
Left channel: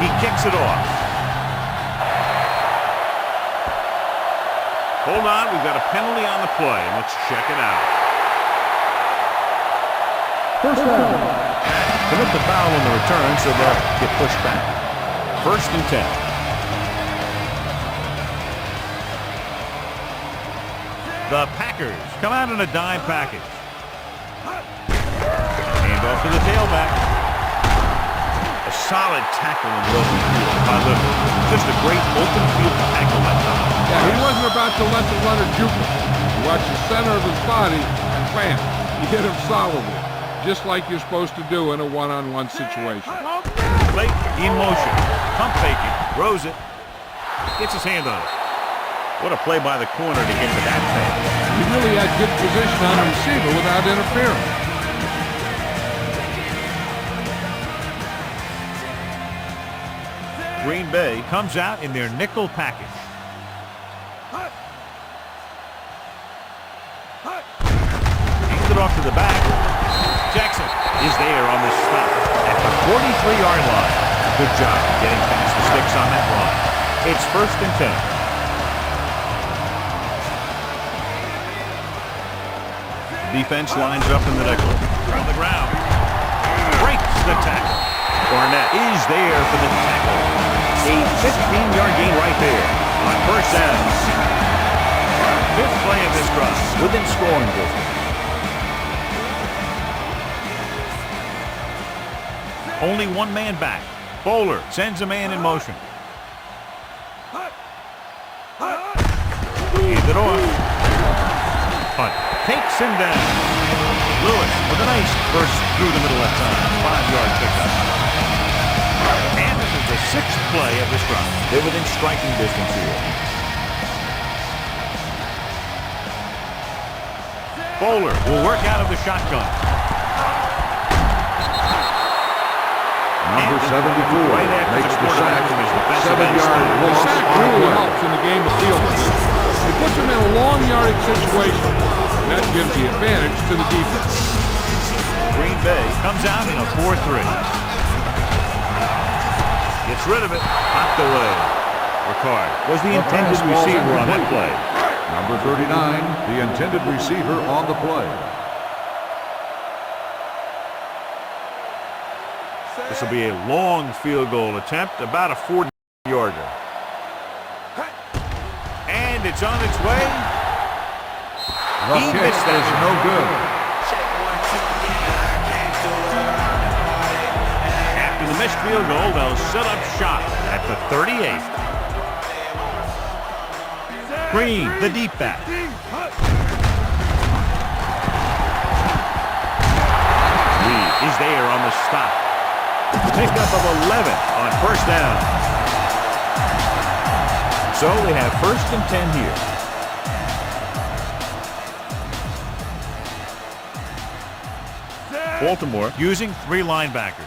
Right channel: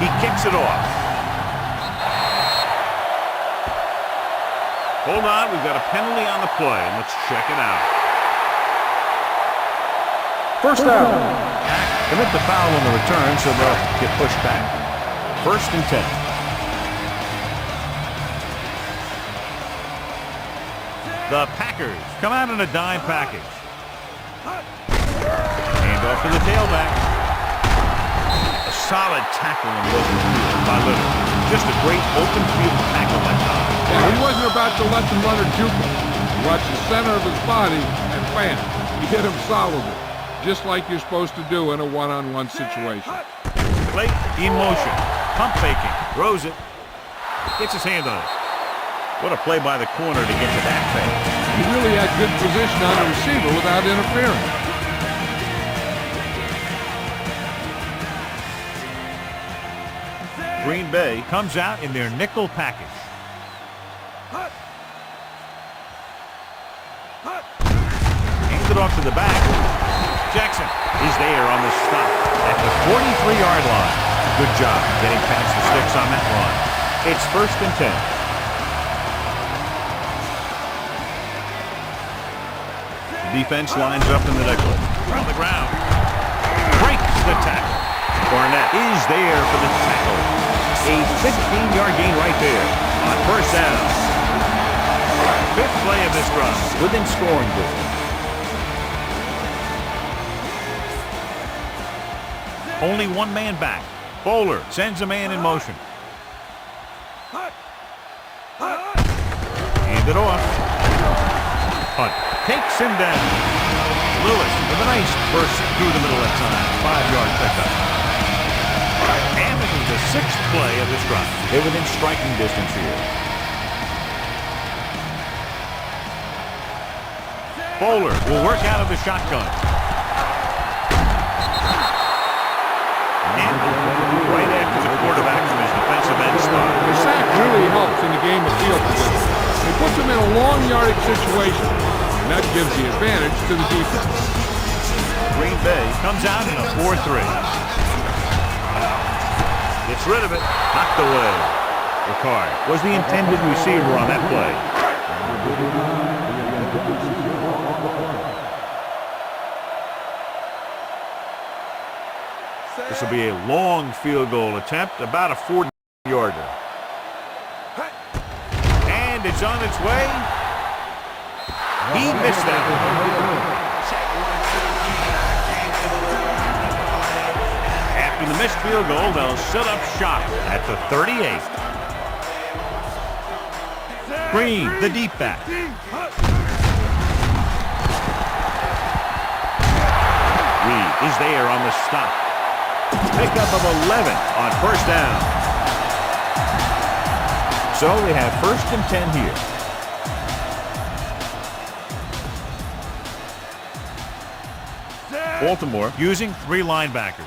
He kicks it off. Hold on, we've got a penalty on the play, and let's check it out. First down. Commit the foul on the return, so they'll get pushed back. 1st and 10. The Packers come out in a dime package. Hand off to the tailback. A solid tackle in the open field by Little. Just a great open field tackle that time. Yeah, he wasn't about to let the runner juke him. He watched the center of his body, and bam, he hit him solidly, just like you're supposed to do in a one-on-one situation. Late in motion. Pump faking. Throws it. Gets his hand on it. What a play by the corner to get to that pass. He really had good position on the receiver without interfering. Green Bay comes out in their nickel package. Hands it off to the back. Jackson is there on the stop at the 43-yard line. Good job getting past the sticks on that run. It's 1st and 10. Defense lines up in the nickel. On the ground. Breaks the tackle. Barnett is there for the tackle. A 15-yard gain right there on 1st down. 5th play of this drive within scoring distance. Only one man back. Bowler sends a man in motion. Hand it off. Hunt takes him down. Lewis with a nice burst through the middle that time. 5-yard pickup. And this is the 6th play of this drive. They're within striking distance here. Bowler will work out of the shotgun. Number 74. Right after the quarterback from his defensive end spot. The sack really helps in the game of field position. It puts them in a long yardage situation, and that gives the advantage to the defense. Green Bay comes out in a 4-3. Gets rid of it. Knocked away. Ricard was the intended receiver on that play. Number 39, the intended receiver on the play. This will be a long field goal attempt, about a 40-yarder. And it's on its way. He missed that. No good. After the missed field goal, they'll set up shop at the 38. Green, the deep back. Reed is there on the stop. Pickup of 11 on 1st down. So they have 1st and 10 here. Baltimore using 3 linebackers.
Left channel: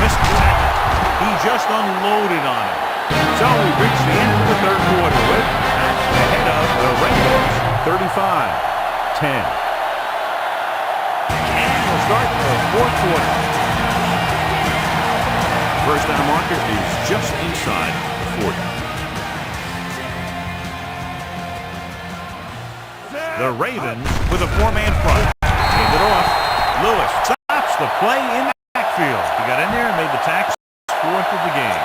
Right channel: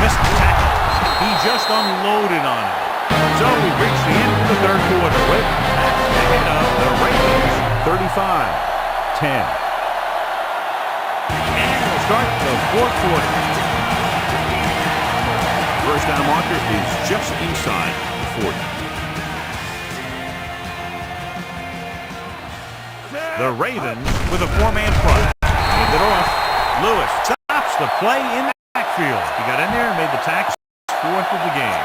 Missed the tackle. He just unloaded on him. So we've reached the end of the 3rd quarter with Pat ahead of the Ravens, 35-10. And we'll start the 4th quarter. First down marker is just inside the 40. The Ravens with a 4-man front. Hand it off. Lewis stops the play in the backfield. He got in there and made the tackle. 4th of the game.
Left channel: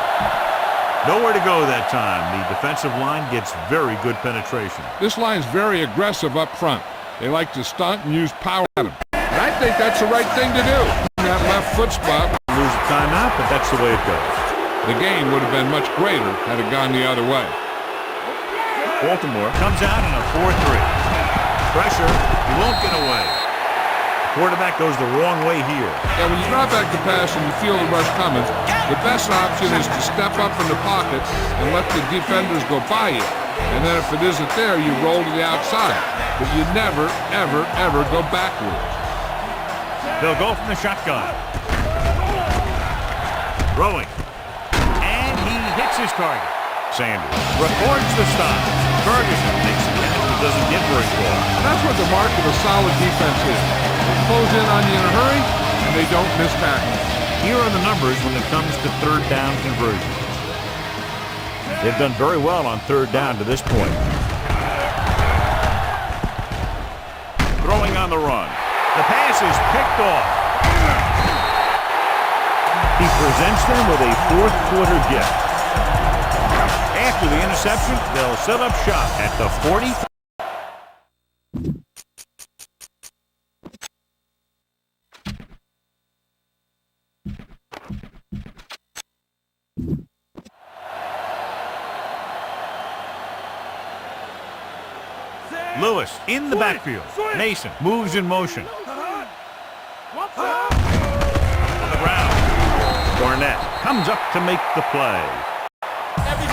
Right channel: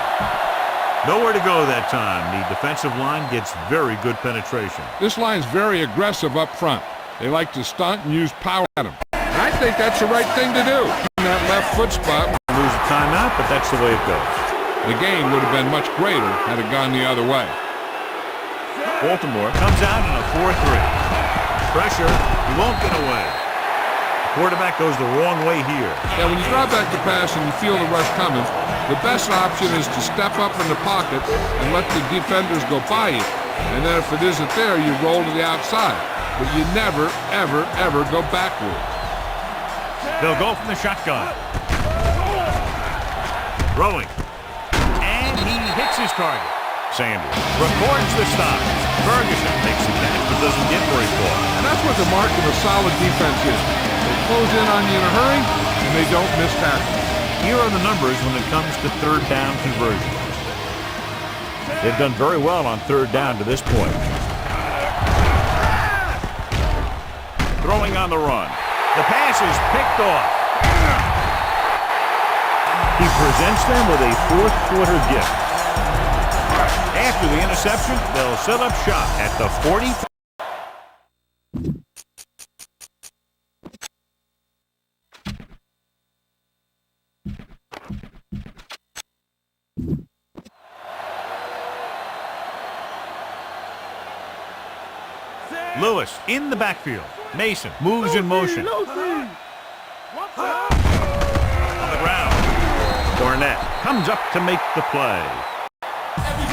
Nowhere to go that time. The defensive line gets very good penetration. This line's very aggressive up front. They like to stunt and use power at him. And I think that's the right thing to do. In that left foot spot. Lose a timeout, but that's the way it goes. The gain would have been much greater had it gone the other way. Baltimore comes out in a 4-3. Pressure. He won't get away. The quarterback goes the wrong way here. Yeah, when you drop back to pass and you feel the rush coming, the best option is to step up in the pocket and let the defenders go by you. And then if it isn't there, you roll to the outside. But you never, ever, ever go backwards. They'll go from the shotgun. Throwing. And he hits his target. Sanders records the stop. Ferguson makes the catch but doesn't get very far. And that's what the mark of a solid defense is. They close in on you in a hurry, and they don't miss tackles. Here are the numbers when it comes to 3rd down conversions. They've done very well on 3rd down to this point. Throwing on the run. The pass is picked off. He presents them with a 4th quarter gift. After the interception, they'll set up shop at the 40. Lewis in the backfield. Mason moves in motion. On the ground. Barnett comes up to make the play.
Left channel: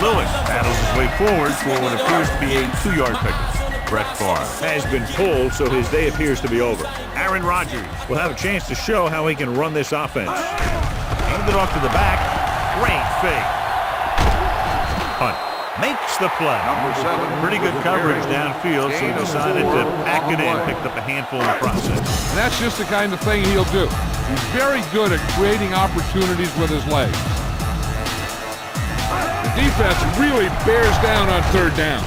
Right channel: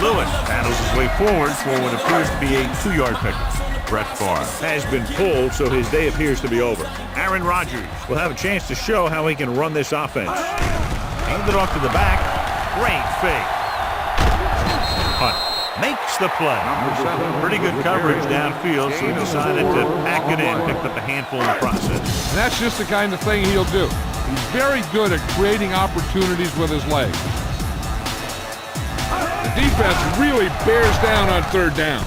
Lewis paddles his way forward for what appears to be a 2-yard pickup. Brett Favre has been pulled, so his day appears to be over. Aaron Rodgers will have a chance to show how he can run this offense. Hand it off to the back. Great fake. Hunt makes the play. Number 7. Pretty good coverage downfield, so he decided to pack it in, picked up a handful in the process. And that's just the kind of thing he'll do. He's very good at creating opportunities with his legs. The defense really bears down on 3rd down.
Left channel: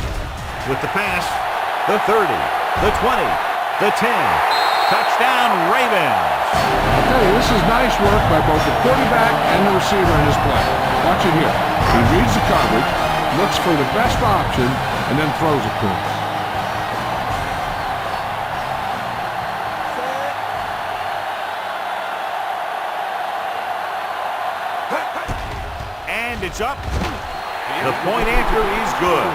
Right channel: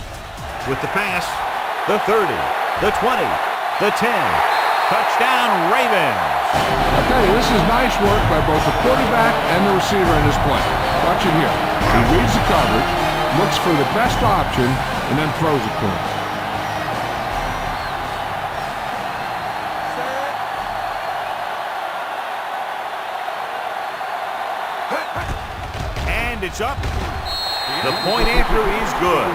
With the pass, the 30, the 20, the 10. Touchdown, Ravens. I'll tell you, this is nice work by both the quarterback and the receiver in this play. Watch it here. He reads the coverage, looks for the best option, and then throws it to him. And it's up. The point after is good.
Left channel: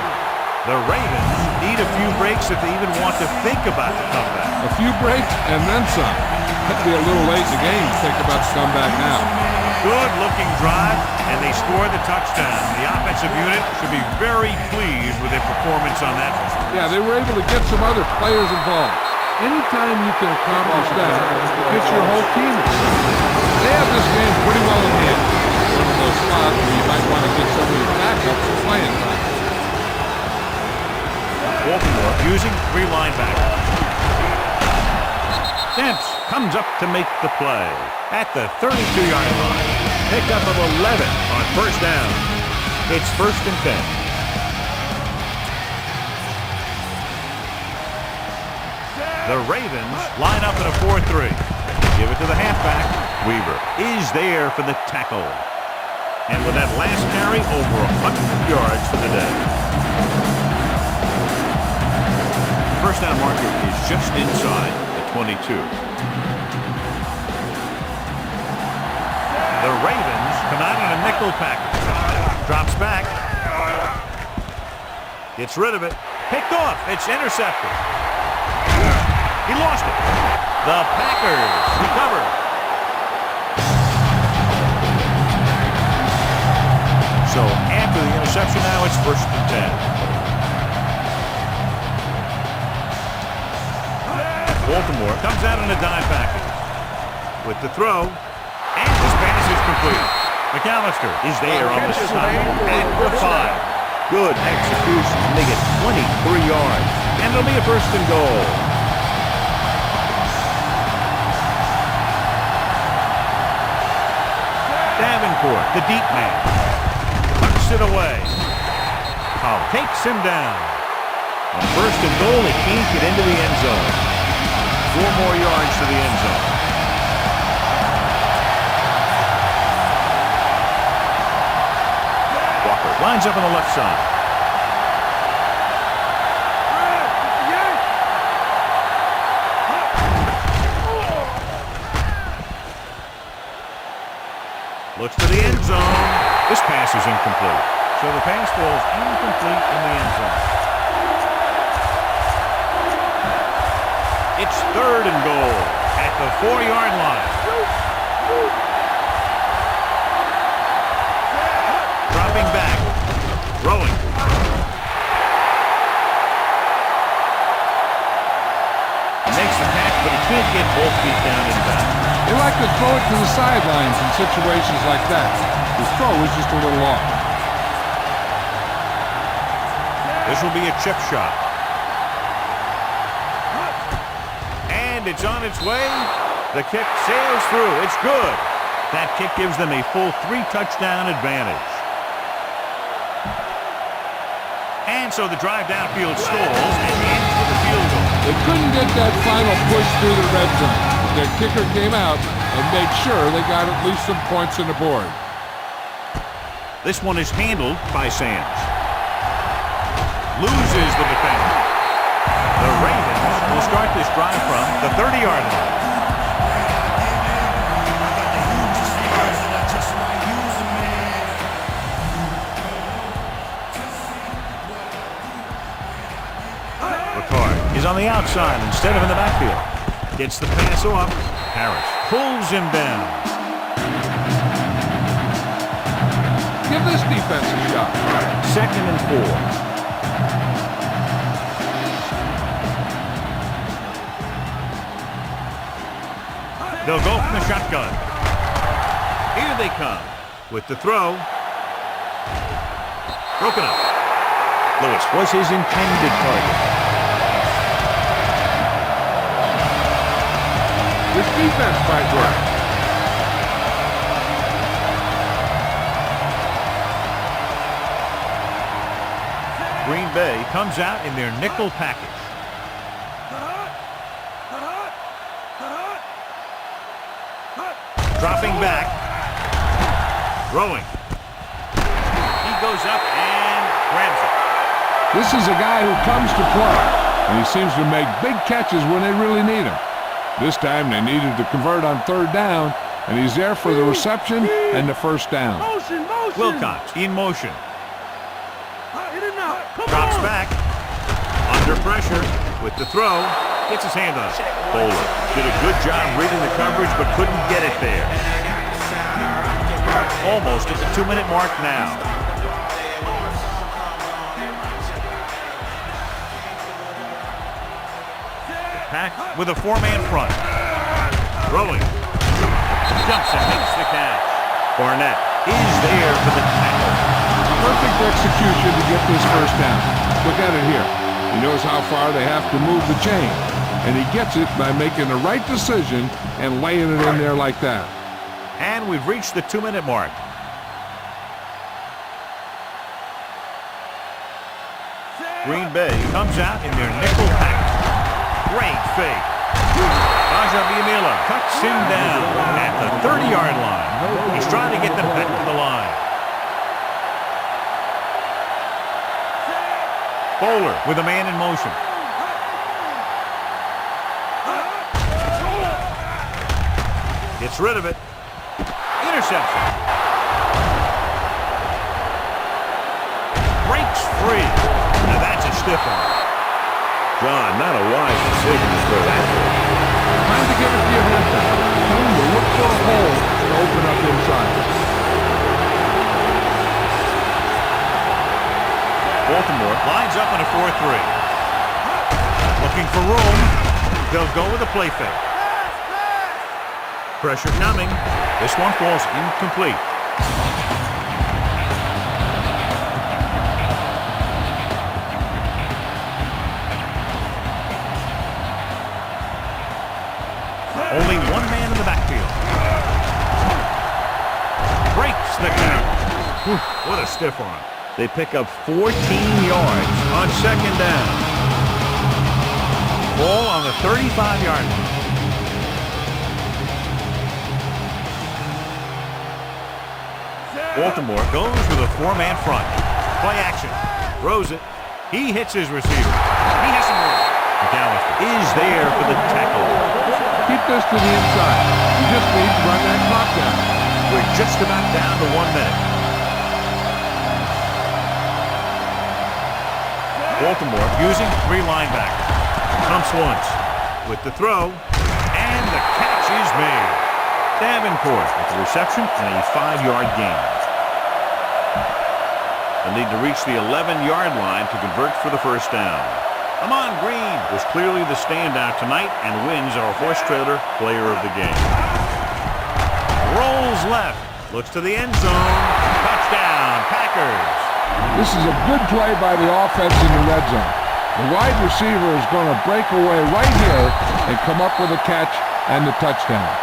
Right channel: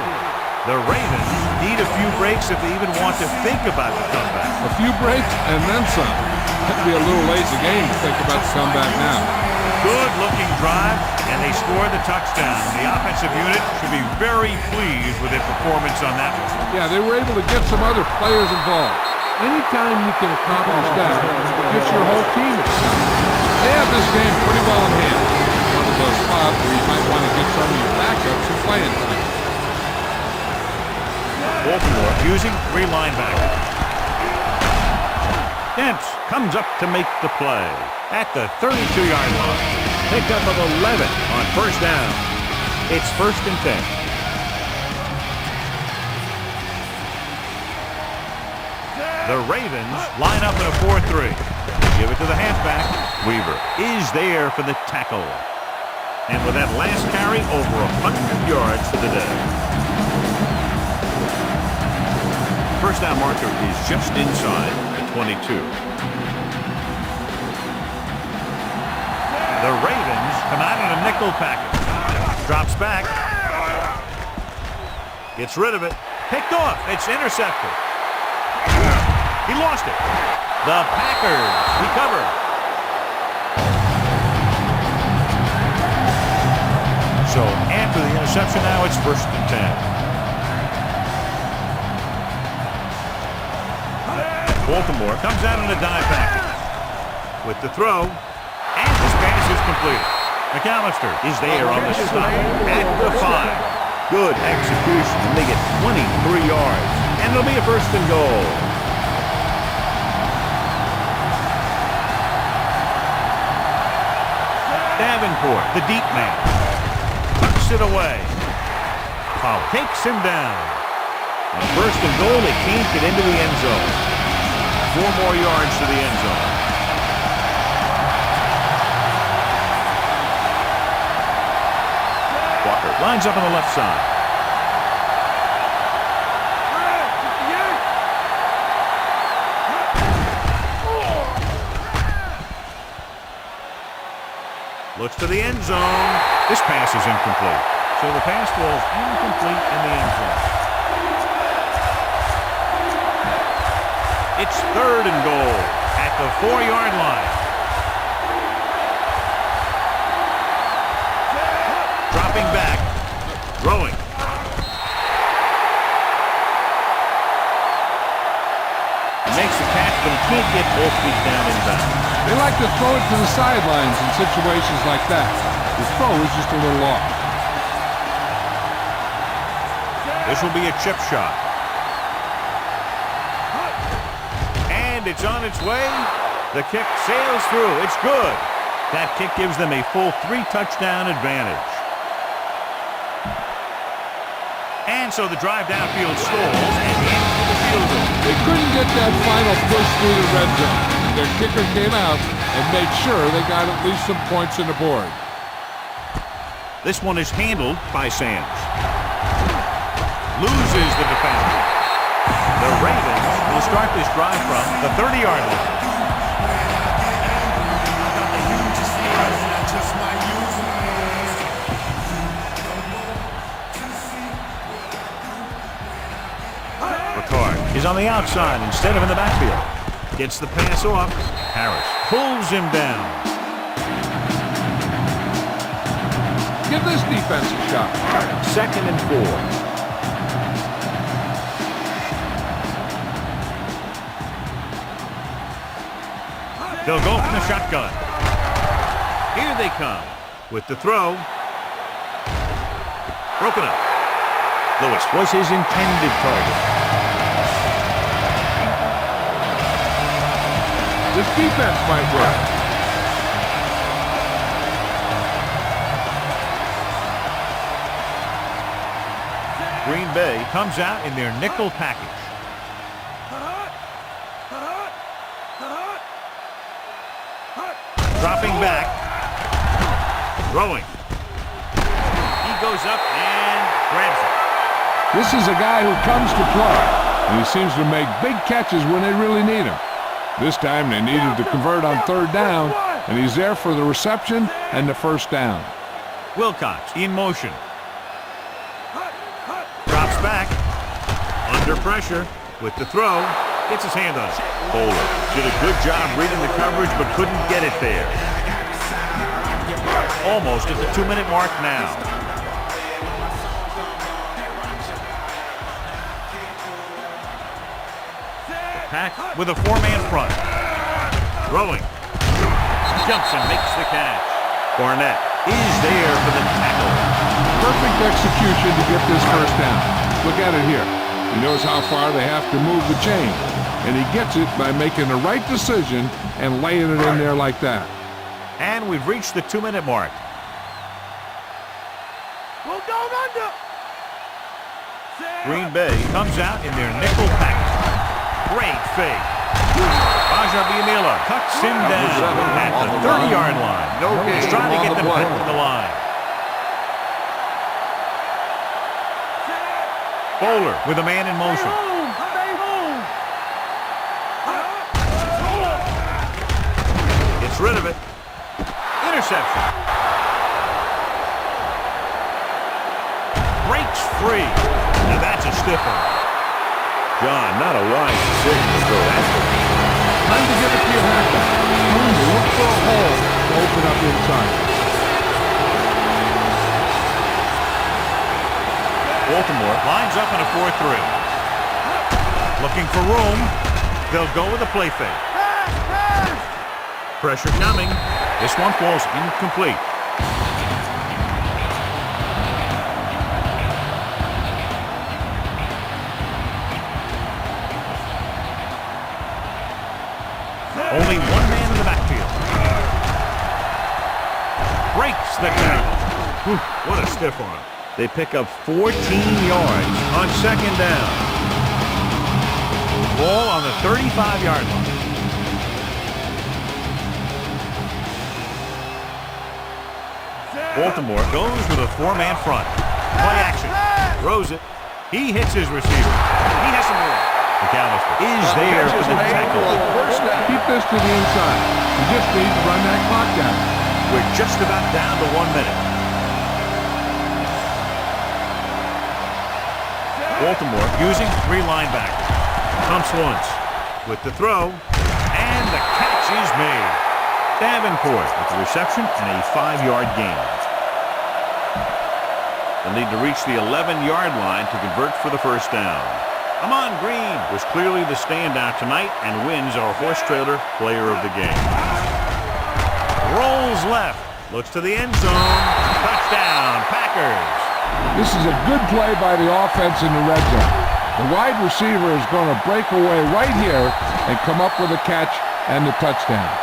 The Ravens need a few breaks if they even want to think about the comeback. A few breaks and then some. That'd be a little late in the game to think about the comeback now. Good-looking drive, and they score the touchdown. The offensive unit should be very pleased with their performance on that one. Yeah, they were able to get some other players involved. Anytime you can accomplish that, it gets your whole team excited. They have this game pretty well in hand. It's one of those spots where you might want to get some of your backups some playing time. Baltimore using 3 linebackers. Stamps comes up to make the play at the 32-yard line. Pickup of 11 on 1st down. It's 1st and 10. The Ravens line up in a 4-3. Give it to the halfback. Weaver is there for the tackle. And with that last carry, over 100 yards for the day. The 1st down marker is just inside the 22. The Ravens come out in a nickel package. Drops back. Gets rid of it. Picked off. It's intercepted. He lost it. The Packers recover. So after the interception now, it's 1st and 10. Baltimore comes out in a dive package with the throw, and this pass is completed. McAllister is there on the stop at the 5. Good execution, and they get 23 yards, and it'll be a 1st and goal. Davenport, the deep man, tucks it away. Pollard takes him down. On 1st and goal, they can't get into the end zone. 4 more yards to the end zone. Walker lines up on the left side. Looks to the end zone. This pass is incomplete. So the pass falls incomplete in the end zone. It's 3rd and goal at the 4-yard line. Dropping back, throwing. He makes the catch, but he can't get both feet down inbound. They like to throw it to the sidelines in situations like that. His throw is just a little off. This will be a chip shot. And it's on its way. The kick sails through. It's good. That kick gives them a full 3-touchdown advantage. And so the drive downfield stalls and ends with a field goal. They couldn't get that final push through the red zone, but their kicker came out and made sure they got at least some points on the board. This one is handled by Sands. Loses the defender. The Ravens will start this drive from the 30-yard line. Ricard is on the outside instead of in the backfield. Gets the pass off. Harris pulls him down. Give this defense a shot. 2nd and 4. They'll go from the shotgun. Here they come with the throw. Broken up. Lewis was his intended target. This defense might work. Green Bay comes out in their nickel package. Dropping back. Throwing. He goes up and grabs it. This is a guy who comes to play, and he seems to make big catches when they really need him. This time they needed to convert on 3rd down, and he's there for the reception and the 1st down. Wilcox in motion. Drops back. Under pressure with the throw. Gets his hand on it. Bowler did a good job reading the coverage, but couldn't get it there. Almost at the 2-minute mark now. The Pack with a 4-man front. Throwing. Jumps and makes the catch. Barnett is there for the tackle. Perfect execution to get this 1st down. Look at it here. He knows how far they have to move the chain, and he gets it by making the right decision and laying it in there like that. And we've reached the 2-minute mark. Green Bay comes out in their nickel package. Great fake. Bajabiamila cuts him down at the 30-yard line. He's trying to get them back to the line. Bowler with a man in motion. Gets rid of it. Interception. breaks free. Now that's a stiff one. John, not a wise decision to throw that ball. Time to give it to your halfback. Tell him to look for a hole to open up inside. Baltimore lines up in a 4-3. Looking for room. They'll go with a play fake. Pressure coming. This one falls incomplete. Only one man in the backfield. Breaks the tackle. What a stiff arm. They pick up 14 yards on second down. Ball on the 35-yard line. Baltimore goes with a four-man front. Play action. Throws it. He hits his receiver. He has some room. McAllister is there for the tackle. Keep this to the inside. You just need to run that clock down. We're just about down to 1 minute. Baltimore using three linebackers. Pumps once with the throw, and the catch is made. Davenport with the reception and a 5-yard gain. They'll need to reach the 11-yard line to convert for the first down. Amon Green was clearly the standout tonight and wins our horse trailer player of the game. Rolls left, looks to the end zone. Touchdown, Packers. This is a good play by the offense in the red zone. The wide receiver is going to break away right here and come up with a catch and the touchdown.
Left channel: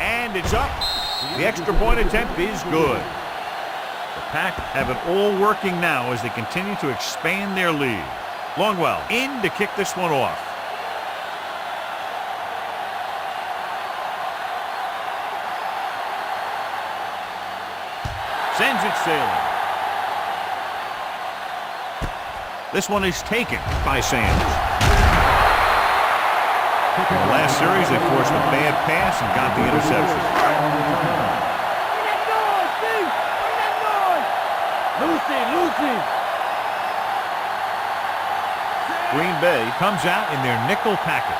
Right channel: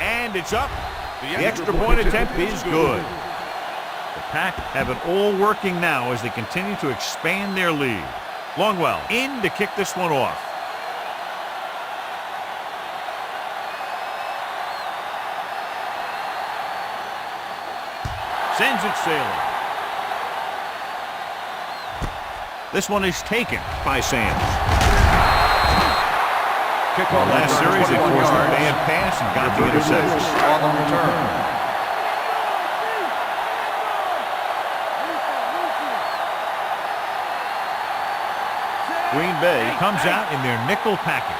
And it's up. The extra point attempt is good. The Pack have it all working now as they continue to expand their lead. Longwell in to kick this one off. Sends it sailing. This one is taken by Sands. In the last series, they forced a bad pass and got the interception. On the return. Green Bay comes out in their nickel package.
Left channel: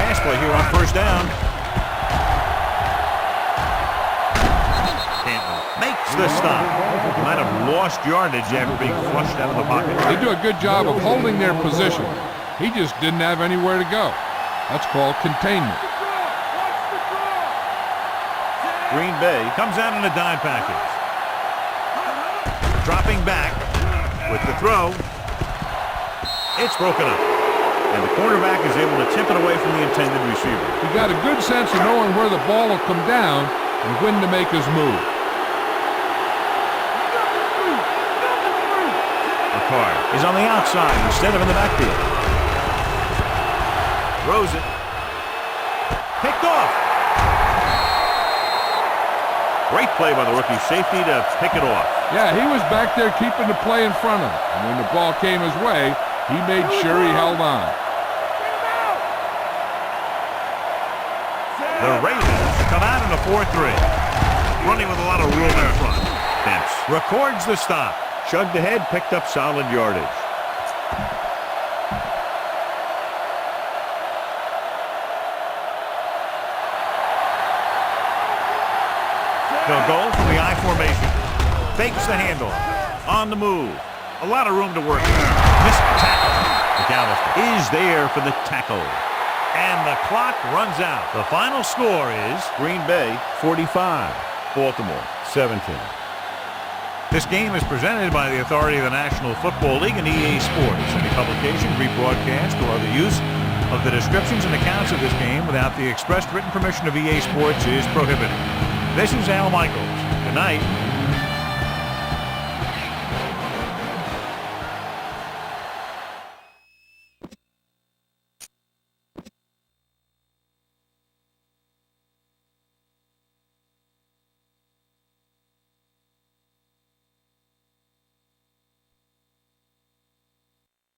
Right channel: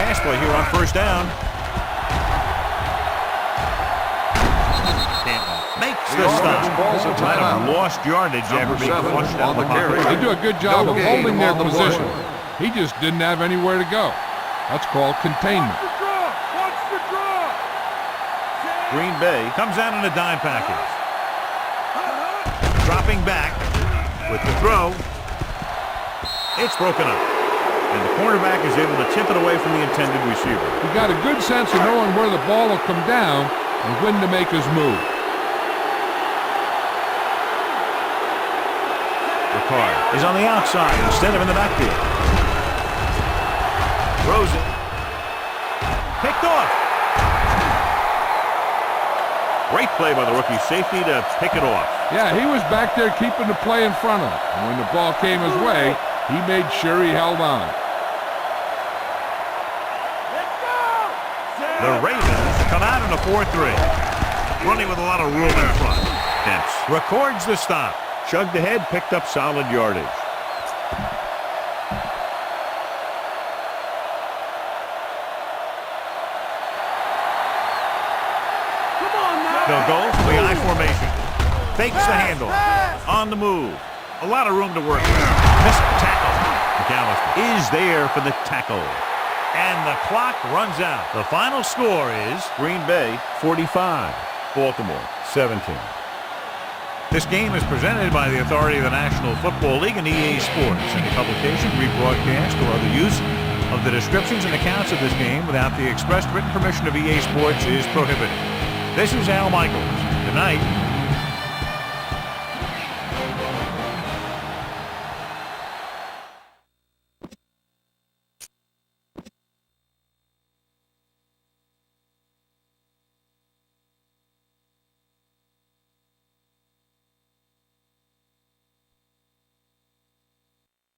Pass play here on first down. Makes the stop. Might have lost yardage after being flushed out of the pocket. They do a good job of holding their position. He just didn't have anywhere to go. That's called containment. Green Bay comes out in a dime package. Dropping back with the throw. It's broken up. And the cornerback is able to tip it away from the intended receiver. He got a good sense of knowing where the ball will come down and when to make his move. Ricard is on the outside instead of in the backfield. Throws it. Picked off. Great play by the rookie safety to pick it off. Yeah, he was back there keeping the play in front of him. And when the ball came his way, he made sure he held on. The Ravens come out in a 4-3. Running with a lot of room in front. Dempsey records the stop. Chugged ahead, picked up solid yardage. They'll go from the I formation. Fakes the handoff. On the move. A lot of room to work with. Missed tackle. McAllister is there for the tackle. And the clock runs out. The final score is Green Bay 45, Baltimore 17. This game is presented by the authority of the National Football League and EA Sports. Any publication, rebroadcast, or other use of the descriptions and accounts of this game without the express written permission of EA Sports is prohibited. This is Al Michaels. Good night.